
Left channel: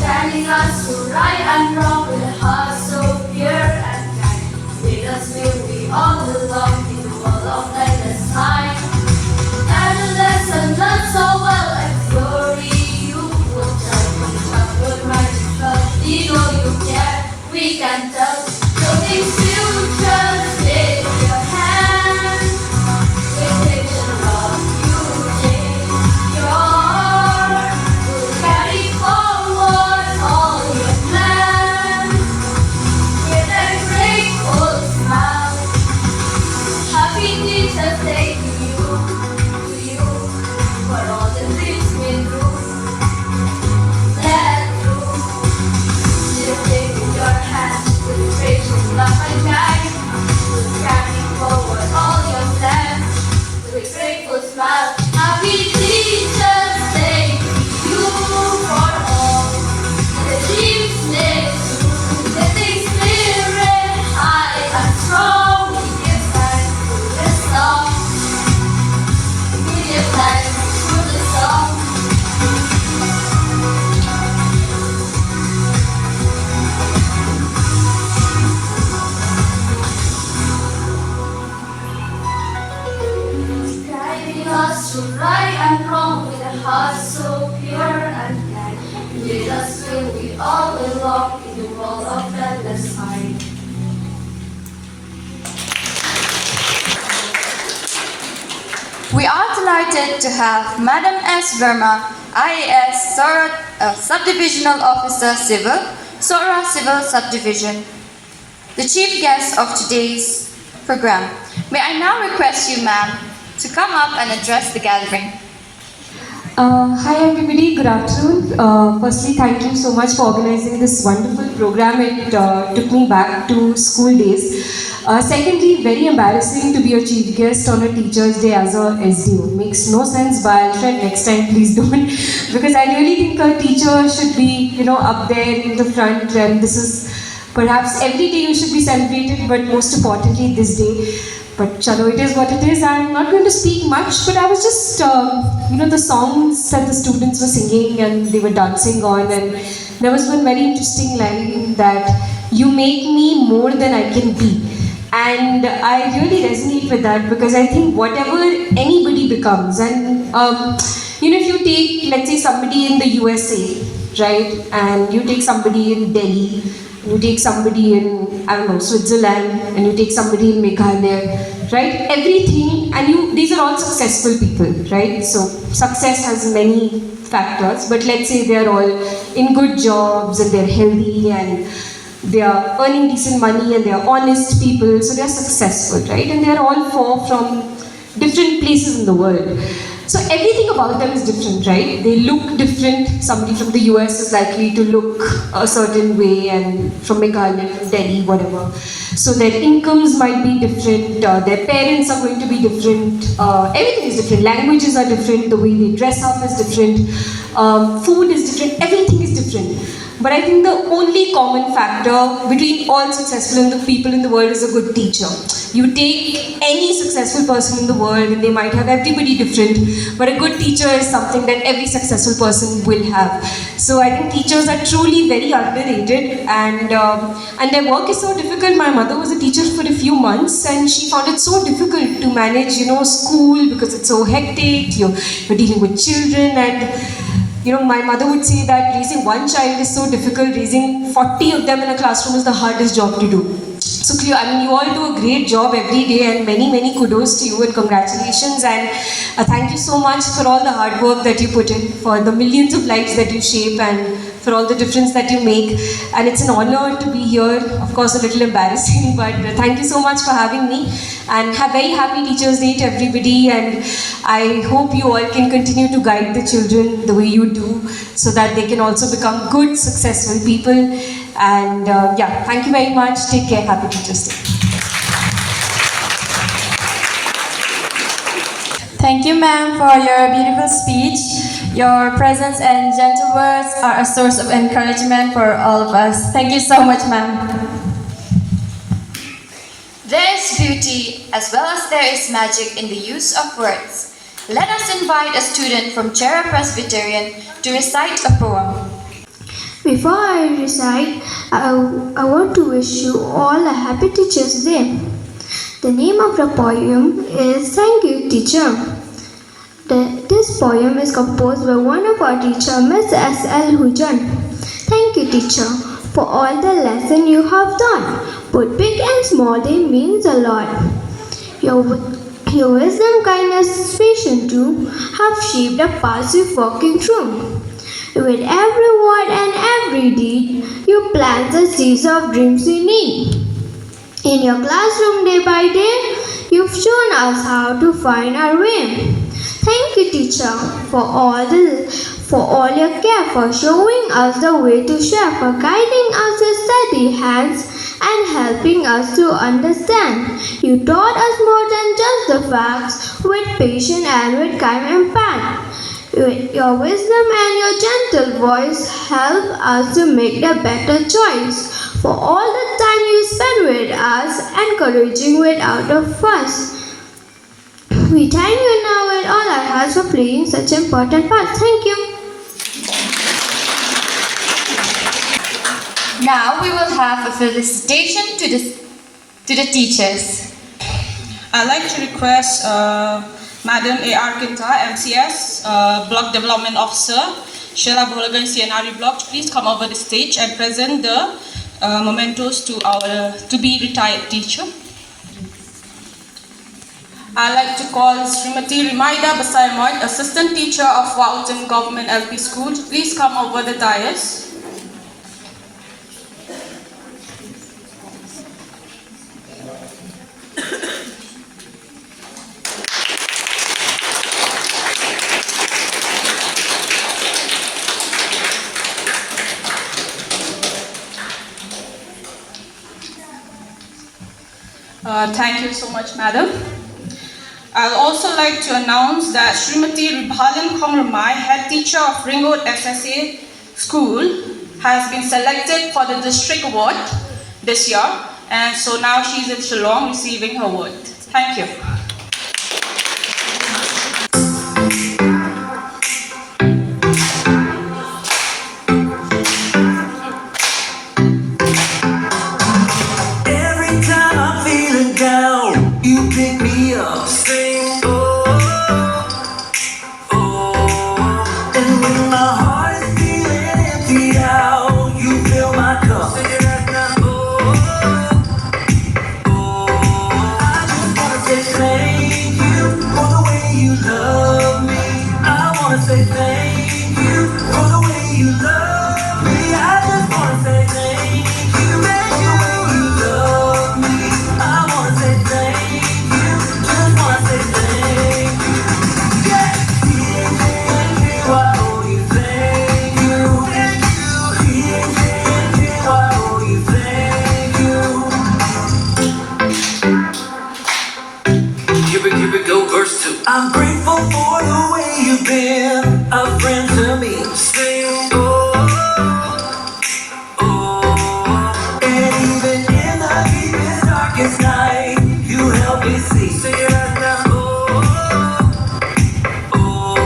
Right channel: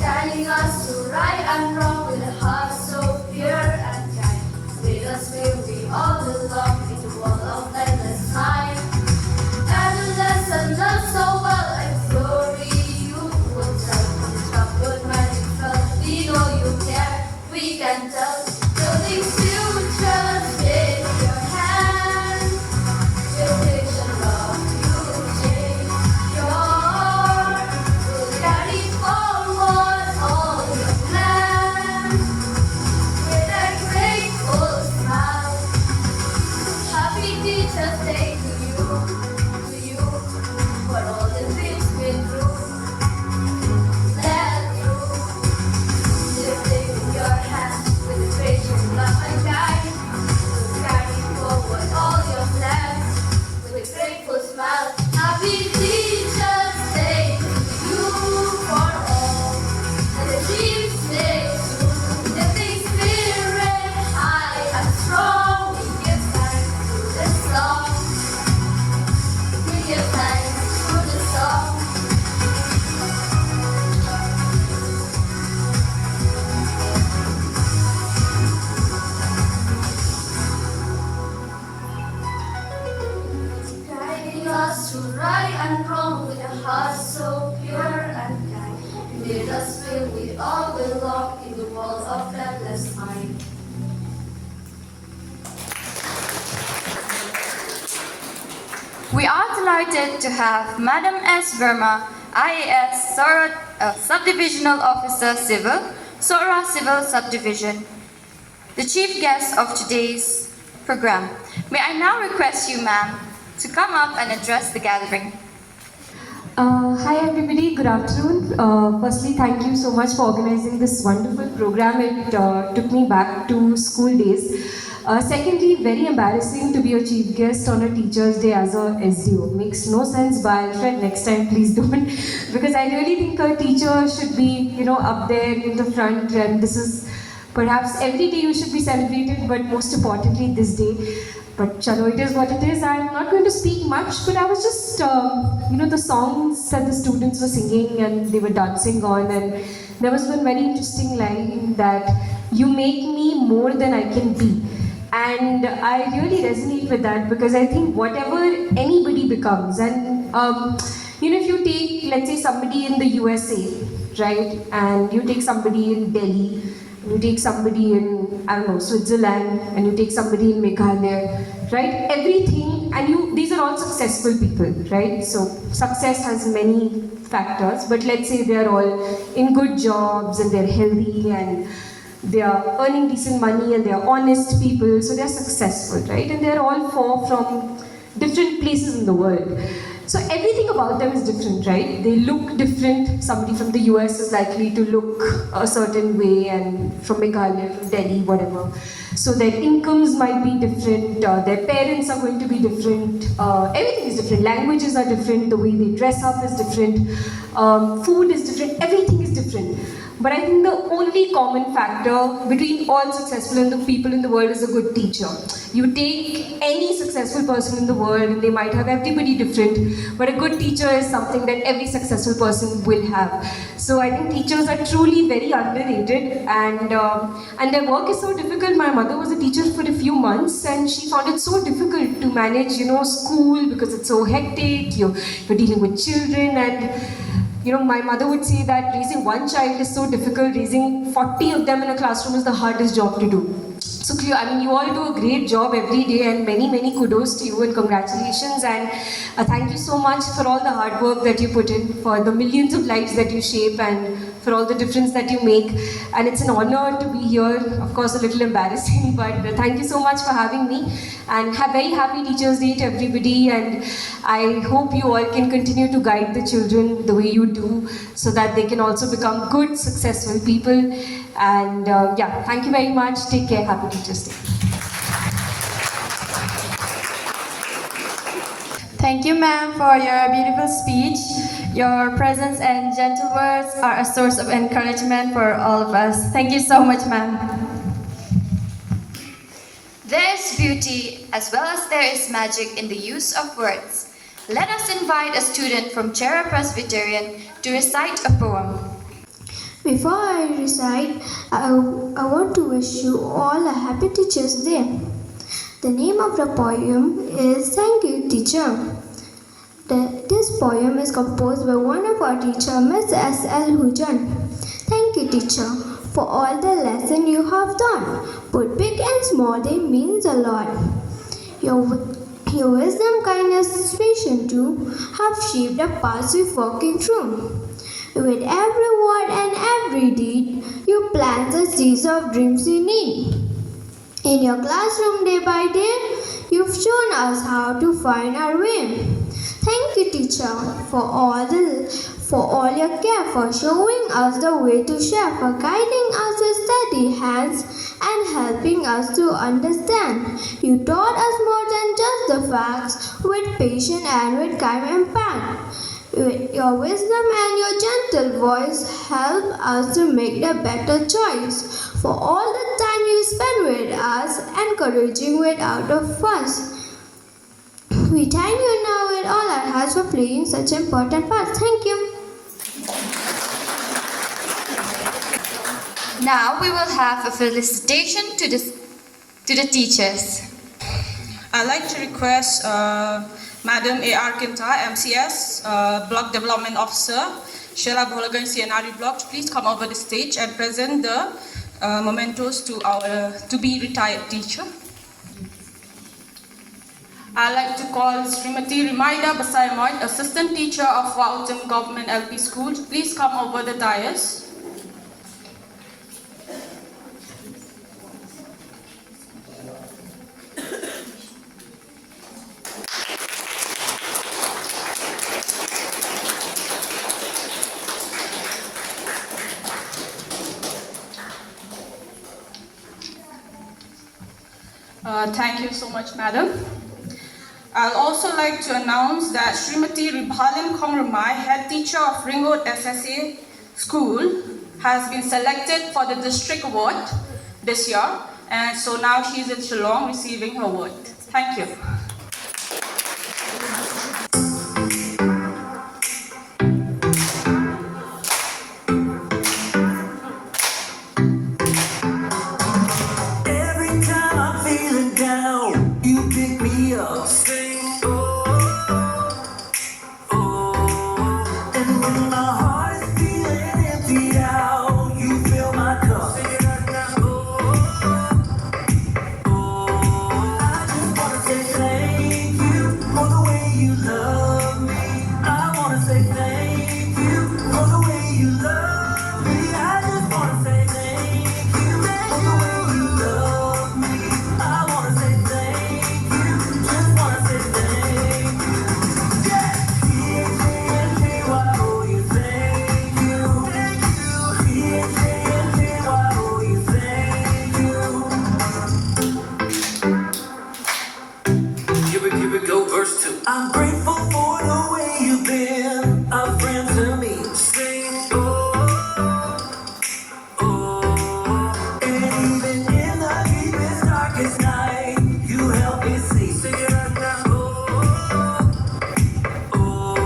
guiding us to right and wrong with a heart so pure and kind. With us will we all belong in the world of endless time. And the lesson learned so well and glory you will tell. From childhood magic felt, you know you care, we can tell. Building futures with your hands. With picture of you change your heart. We'll carry forward all your plans with a grateful smile. Happy Teachers' Day to you, for all the dreams we drew. Let through, just taking your hand with gracious love and guide. We'll carry forward all your plans with a grateful smile. Happy Teachers' Day to you, for all the dreams they true. Living spirit high and strong, we give thanks to the song. We give thanks to the song. Guiding us through right and wrong with a heart so pure and kind. With us will we all belong in the world of endless time. We are delighted to have Madam S. Verma, IAS Subdivisional Officer Civil, Sora Civil Subdivision, the chief guest of today's program. May I now request you, ma'am, to come up and address the gathering. Hi everybody, good afternoon. Firstly, thank you so much for organizing this wonderful program. It took me back to school days. Secondly, very embarrassing to be a chief guest on a Teacher's Day as a SDO. Makes no sense, but I'll try next time, please don't. Because I really think a teacher should be, up there in the front, and this is perhaps every day you should be celebrated, but most importantly this day. But chalo, it is what it is. I'm not going to speak much, but I was just, the songs that the students were singing and they were dancing on, and there was one very interesting line that, "You make me more than I can be." And I really resonate with that because I think whatever anybody becomes, and if you take, let's say, somebody in the USA, right, and you take somebody in Delhi, you take somebody in, I don't know, Switzerland, and you take somebody in Meghalaya, right? Everything, and these are all successful people, right? So success has many factors, but let's say they're all in good jobs and they're healthy and they are earning decent money and they are honest people, so they are successful, right? And they are all from different places in the world. So everything about them is different, right? They look different. Somebody from the US is likely to look a certain way, and from Meghalaya, from Delhi, whatever. So their incomes might be different, their parents are going to be different, everything is different. Languages are different, the way they dress up is different, food is different, everything is different. But I think the only common factor between all successful people in the world is a good teacher. You take any successful person in the world and they might have everybody different, but a good teacher is something that every successful person will have. So I think teachers are truly very underrated, and their work is so difficult. My mother was a teacher for a few months and she found it so difficult to manage, school, because it's so hectic, you're dealing with children, and my mother would say that raising one child is so difficult, raising 40 of them in a classroom is the hardest job to do. So clear, you all do a great job every day, and many, many kudos to you and congratulations, and thank you so much for all the hard work that you put in, for the millions of lives that you shape, and for all the difference that you make. And it's an honor to be here, of course a little embarrassing, but thank you so much for having me, and have very happy Teachers' Day to everybody, and I hope you all can continue to guide the children the way you do, so that they can also become good, successful people. And thank you very much. Take care. Happy Teachers' Day. Thank you, ma'am, for your beautiful speech. Your presence and gentle words are a source of encouragement for all of us. Thank you so much, ma'am. There is beauty as well as there is magic in the use of words. Let us invite a student from Chera Presbyterian to recite a poem. Before I recite, I want to wish you all a happy Teachers' Day. The name of the poem is Thank You, Teacher. This poem is composed by one of our teachers, Miss S.L. Hujan. Thank you, teacher, for all the lesson you have done. Both big and small, they means a lot. Your wisdom, kindness, patience too have shaped the paths we're walking through. With every word and every deed, you plant the seeds of dreams we need. In your classroom day by day, you've shown us how to find our way. Thank you, teacher, for all your care, for showing us the way to share, for guiding us with steady hands and helping us to understand. You taught us more than just the facts, with patience and with kind impact. Your wisdom and your gentle voice help us to make the better choice. For all the time you spent with us, encouraging without a fuss. We thank you now with all our hearts for playing such important parts. Thank you. Now we will have a felicitation to the teachers. I'd like to request Madam A.R. Kinta, MCS, Block Development Officer, Sheila Bolagan, CNRE Block, please come over the stage and present the mementos to our to-be-retired teacher. I'd like to call Srimati Rimaida Basaimot, Assistant Teacher of Walton Government LP School, to please come over the dais. Thank you so much, Madam. I'd also like to announce that Srimati Ribhalan Kongramai, Head Teacher of Ringwood SSA School, has been selected for the District Award this year, and so now she's in Shillong receiving her award. Thank you. And when my heart is feeling empty out, you fill my cup. wanna say thank you for the way you love me. I just wanna say thank you, thank you for the way you love me. I wanna say thank you, just wanna say thank you. Yeah, I owe you thank you, thank you. I owe you thank you. Here we go, verse 2. I'm grateful for the way you've been a friend to me. Sing, oh, oh. And even in the deepest, darkest night, you help me see. Sing it right now. Oh, oh.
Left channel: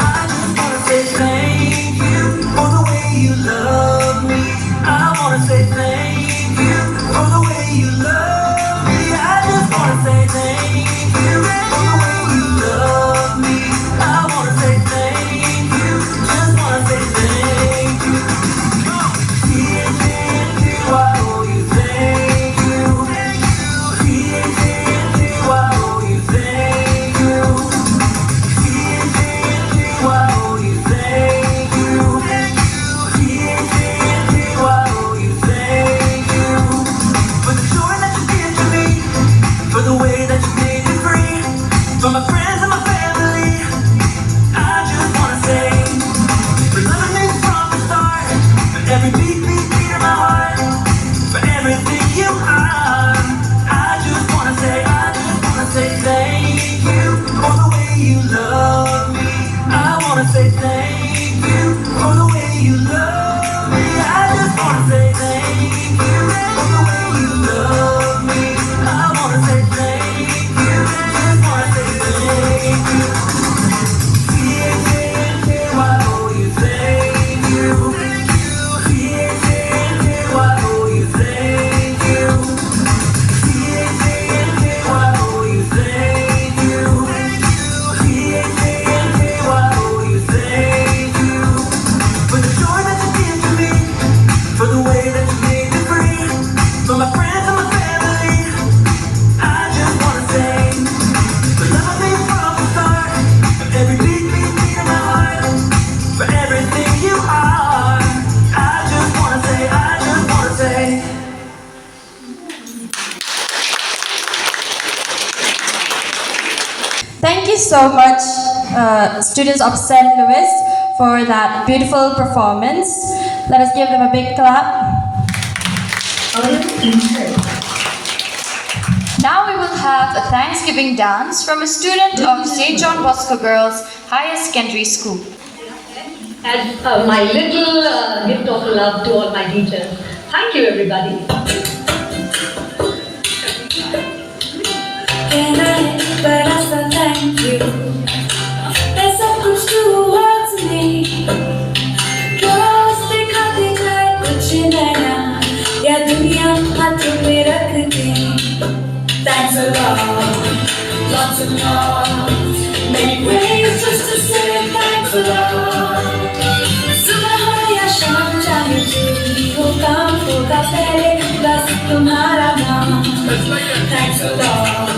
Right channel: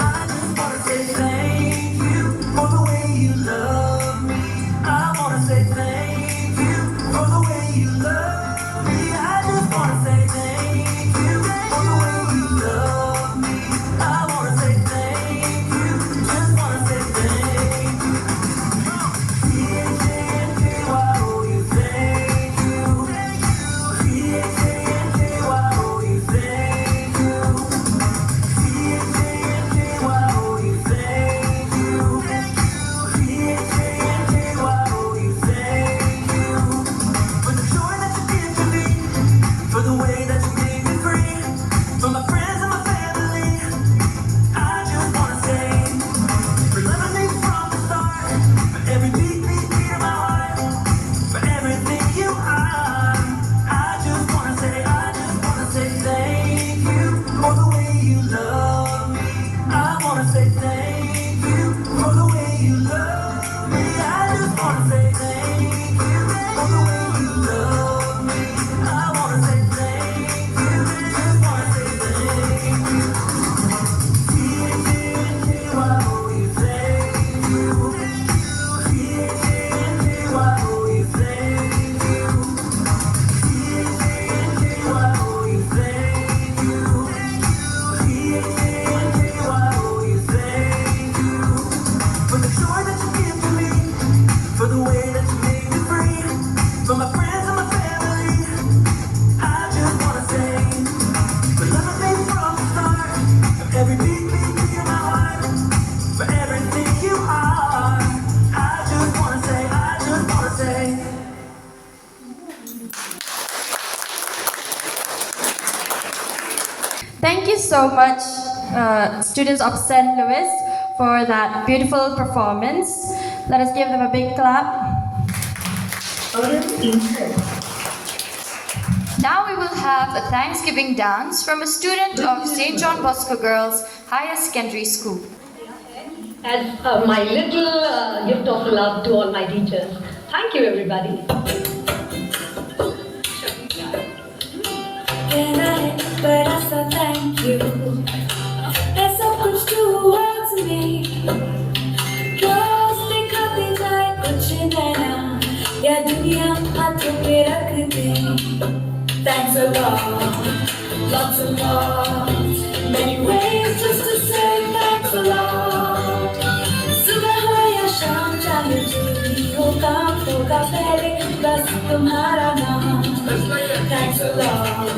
I just wanna say thank you for the way you love me. I wanna say thank you for the way you love me. I just wanna say thank you. For the way that you made me free, for my friends and my family, I just wanna say, for loving me from the start, for every beat of my heart, for everything you are. I just wanna say thank you for the way you love me. I wanna say thank you for the way you love me. I just wanna say thank you for the way you love me. I wanna say thank you, just wanna say thank you. I owe you thank you. I owe you thank you. I owe you thank you. I owe you thank you. For the joy that you give to me, for the way that you made me free, for my friends and my family. I just wanna say, for loving me from the start, for every beat of my heart, for everything you are. I just wanna say. Thank you so much, students of St. Louis, for that beautiful performance. Let us give them a big clap. Now we will have a Thanksgiving dance from a student of St. John Bosco Girls Higher Secondary School. As my little gift of love to all my teachers. Thank you, everybody. Can I express a thank you? There's so much towards me. Close the cutting like कुछ नया या दुनिया हाथों में रख दी. Thanks a lot, lots and lots. Many ways just to say thanks a lot. सुबह हो या शाम चाहे जो भी हो काम होगा पहले बस तुम्हारा नाम. Thanks a lot,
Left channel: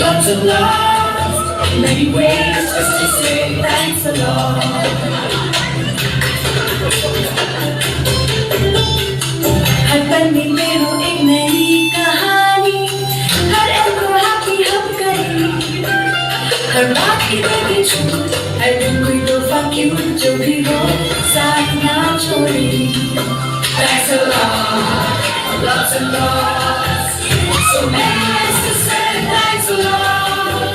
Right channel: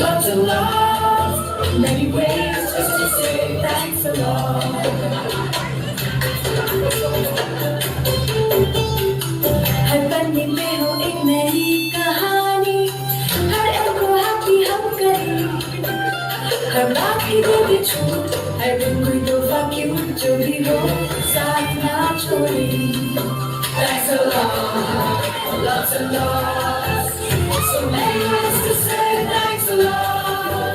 lots and lots. Many ways just to say thanks a lot. हर पन्ने में हो एक नई कहानी, हर एक को happy हम करें. हर बात की देगी छूट, हर दिन कोई तोहफा क्यूट जो भी हो साथ ना छोड़े. Thanks a lot, lots and lots. So many ways to say thanks a lot.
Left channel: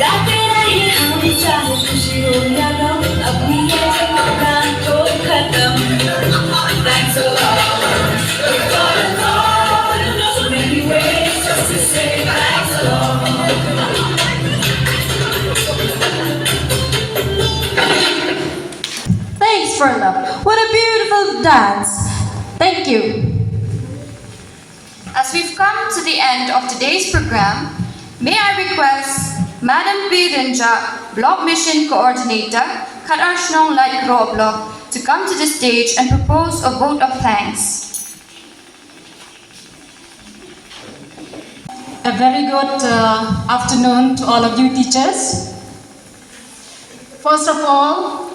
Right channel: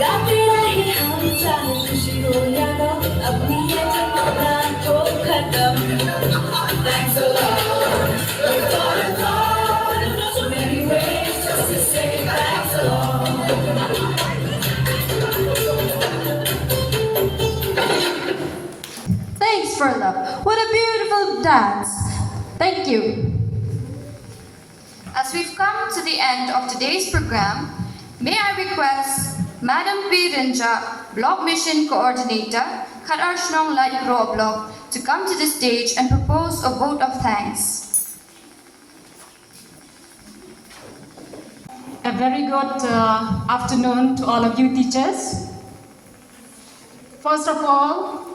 गाते रहे हम चाहे खुशी हो या गम, अपनी ये थकान को खत्म. Thanks a lot, got a lot. So many ways just to say thanks a lot. Thanks for love. What a beautiful dance. Thank you. As we've come to the end of today's program, may I request Madam Pirinja, Block Mission Coordinator, Khadarshnon Light Raw Block, to come to the stage and propose a vote of thanks. A very good afternoon to all of you teachers. First of all,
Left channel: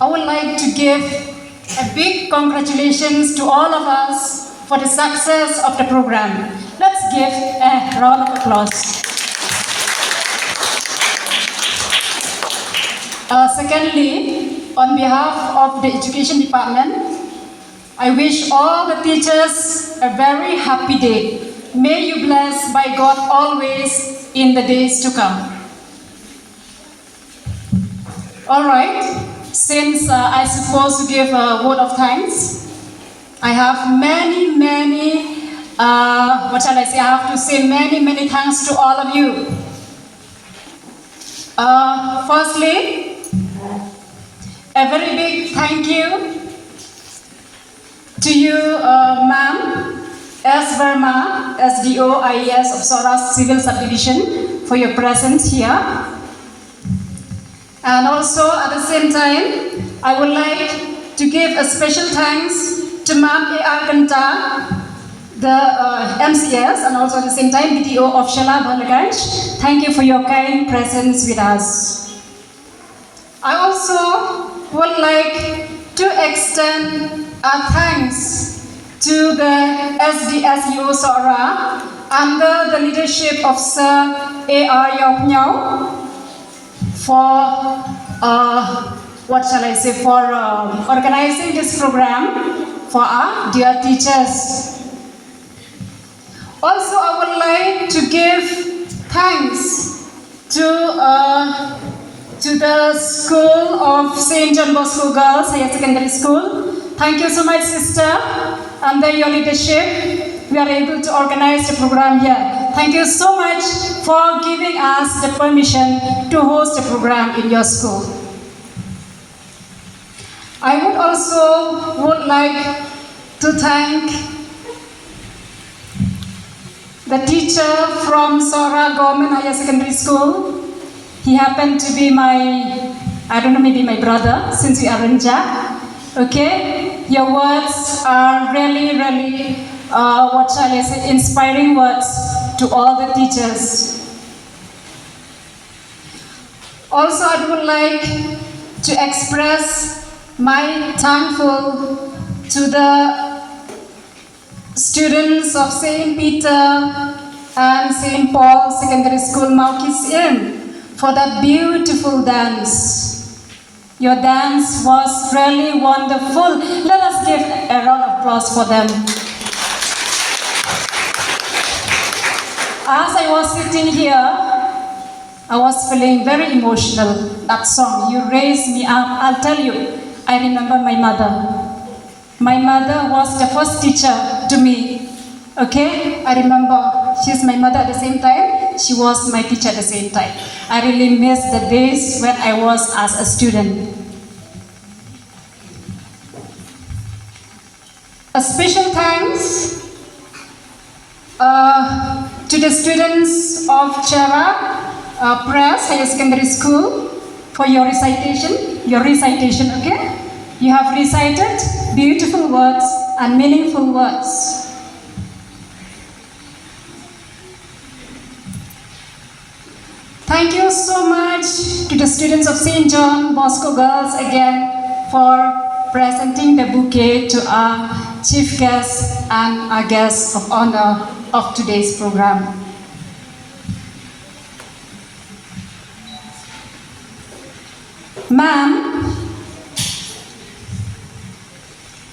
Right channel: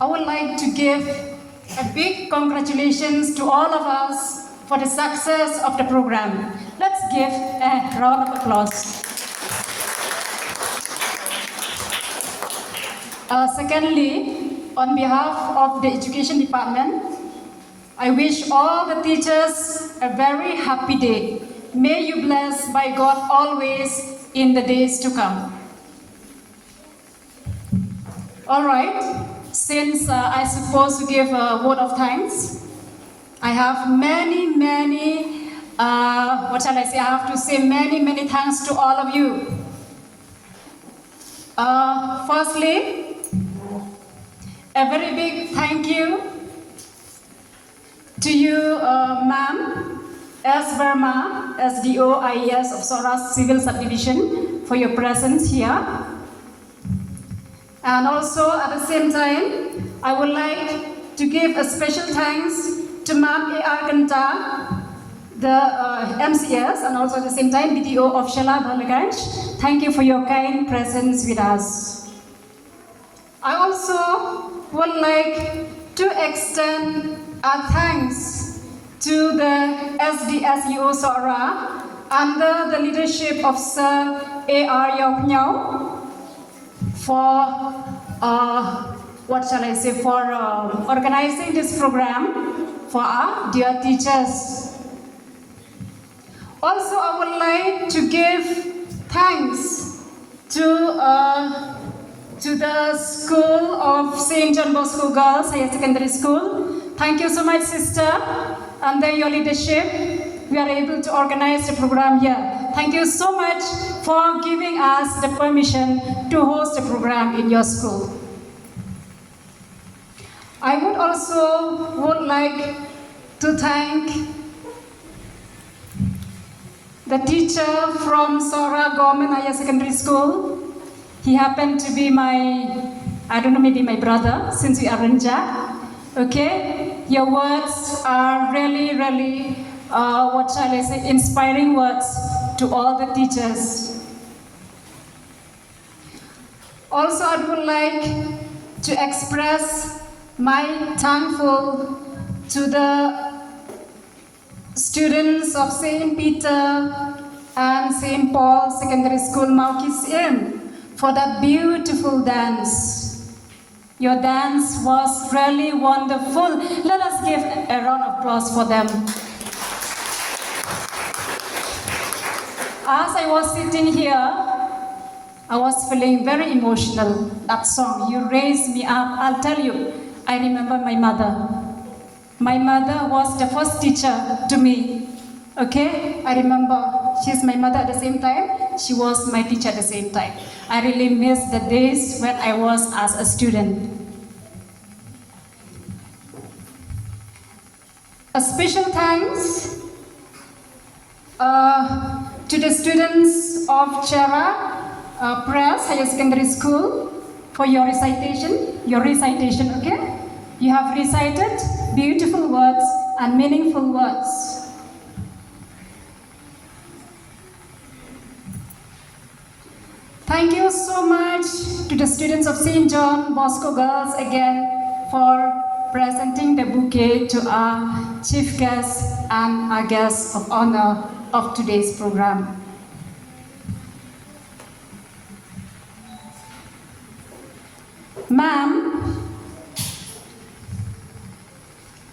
I would like to give a big congratulations to all of us for the success of the program. Let's give a round of applause. Secondly, on behalf of the Education Department, I wish all the teachers a very happy day. May you blessed by God always in the days to come. All right, since I suppose to give a word of thanks, I have many, what shall I say? I have to say many thanks to all of you. Firstly, a very big thank you to you, Ma'am S. Verma, SDO IES of Soras Civil Subdivision, for your presence here. And also, at the same time, I would like to give a special thanks to Ma'am A.R. Kanta, the MCS, and also at the same time, BTO of Shala Balaganj. Thank you for your kind presence with us. I also would like to extend our thanks to the SDSU Sora under the leadership of Sir A.R. Yopnyao for, what shall I say, for organizing this program for our dear teachers. Also, I would like to give thanks to the School of St. John Bosco Girls Higher Secondary School. Thank you so much, sister. Under your leadership, we are able to organize the program here. Thank you so much for giving us the permission to host the program in your school. I would like to thank the teacher from Sora Government Higher Secondary School. He happened to be maybe my brother, since we are Renja. Okay, your words are really, what shall I say, inspiring words to all the teachers. Also, I would like to express my thankful to the students of St. Peter and St. Paul Secondary School, Maukis Inn, for that beautiful dance. Your dance was really wonderful. Let us give a round of applause for them. As I was sitting here, I was feeling very emotional. That song, You Raise Me Up, I'll tell you, I remember my mother. My mother was the first teacher to me. Okay, I remember she's my mother at the same time. She was my teacher at the same time. I really miss the days when I was as a student. A special thanks to the students of Chera Press Higher Secondary School for your recitation, okay? You have recited beautiful words and meaningful words. Thank you so much to the students of St. John Bosco Girls again for presenting the bouquet to our chief guest and our guest of honor of today's program. Ma'am,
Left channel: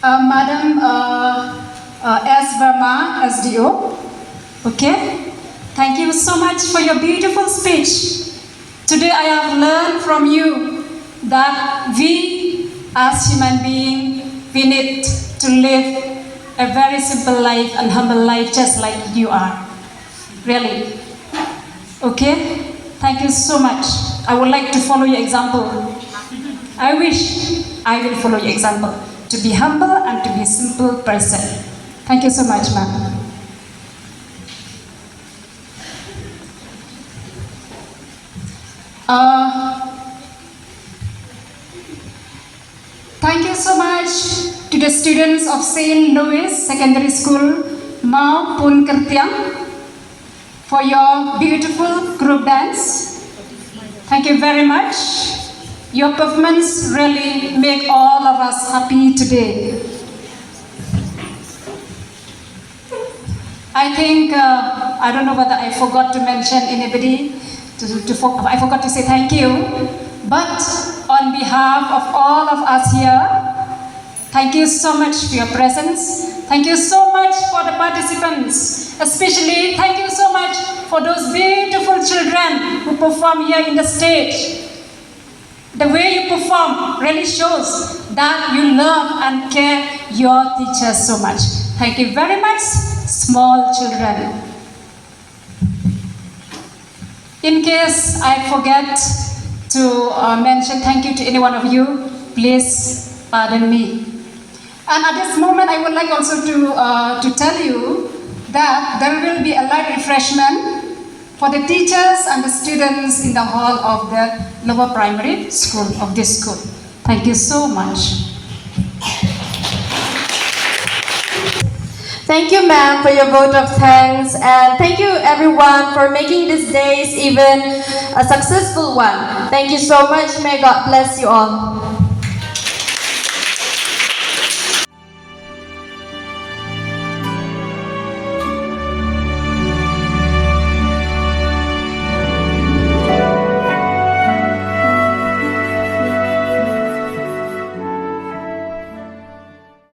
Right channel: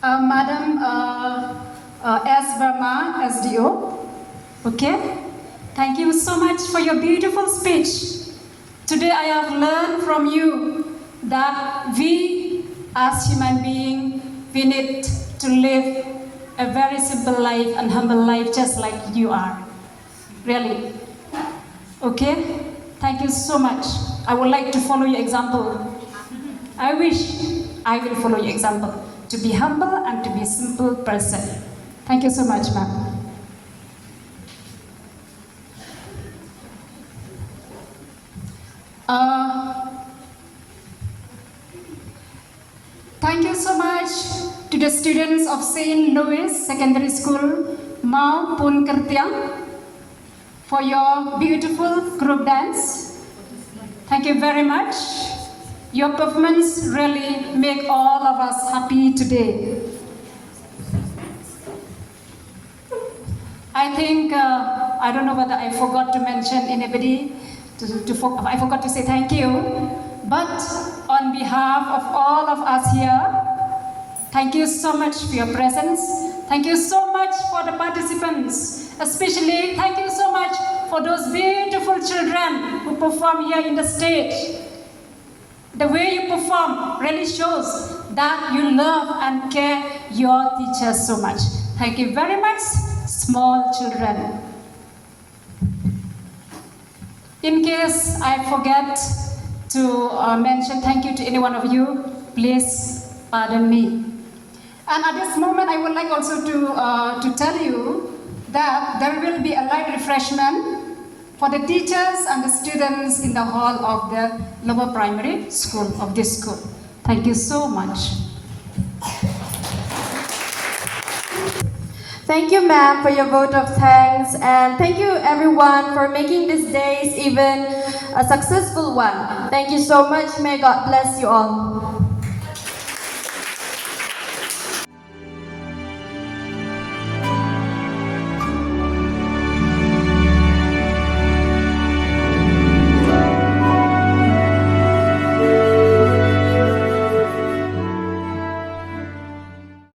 Madam S. Verma, SDO, okay? Thank you so much for your beautiful speech. Today I have learned from you that we as human beings, we need to live a very simple life and humble life just like you are. Really. Okay? Thank you so much. I would like to follow your example. I wish I will follow your example. To be humble and to be a simple person. Thank you so much, ma'am. Thank you so much to the students of St. Louis Secondary School, Mau Pun Kertiang, for your beautiful group dance. Thank you very much. Your performance really make all of us happy today. I think, I don't know whether I forgot to mention anybody, I forgot to say thank you, but on behalf of all of us here, thank you so much for your presence. Thank you so much for the participants. Especially, thank you so much for those beautiful children who perform here in the stage. The way you perform really shows that you love and care your teachers so much. Thank you very much, small children. In case I forget to mention thank you to any one of you, please pardon me. And at this moment, I would like also to tell you that there will be a light refreshment for the teachers and the students in the hall of the lower primary school of this school. Thank you so much. Thank you, ma'am, for your vote of thanks, and thank you, everyone, for making these days even a successful one. Thank you so much. May God bless you all.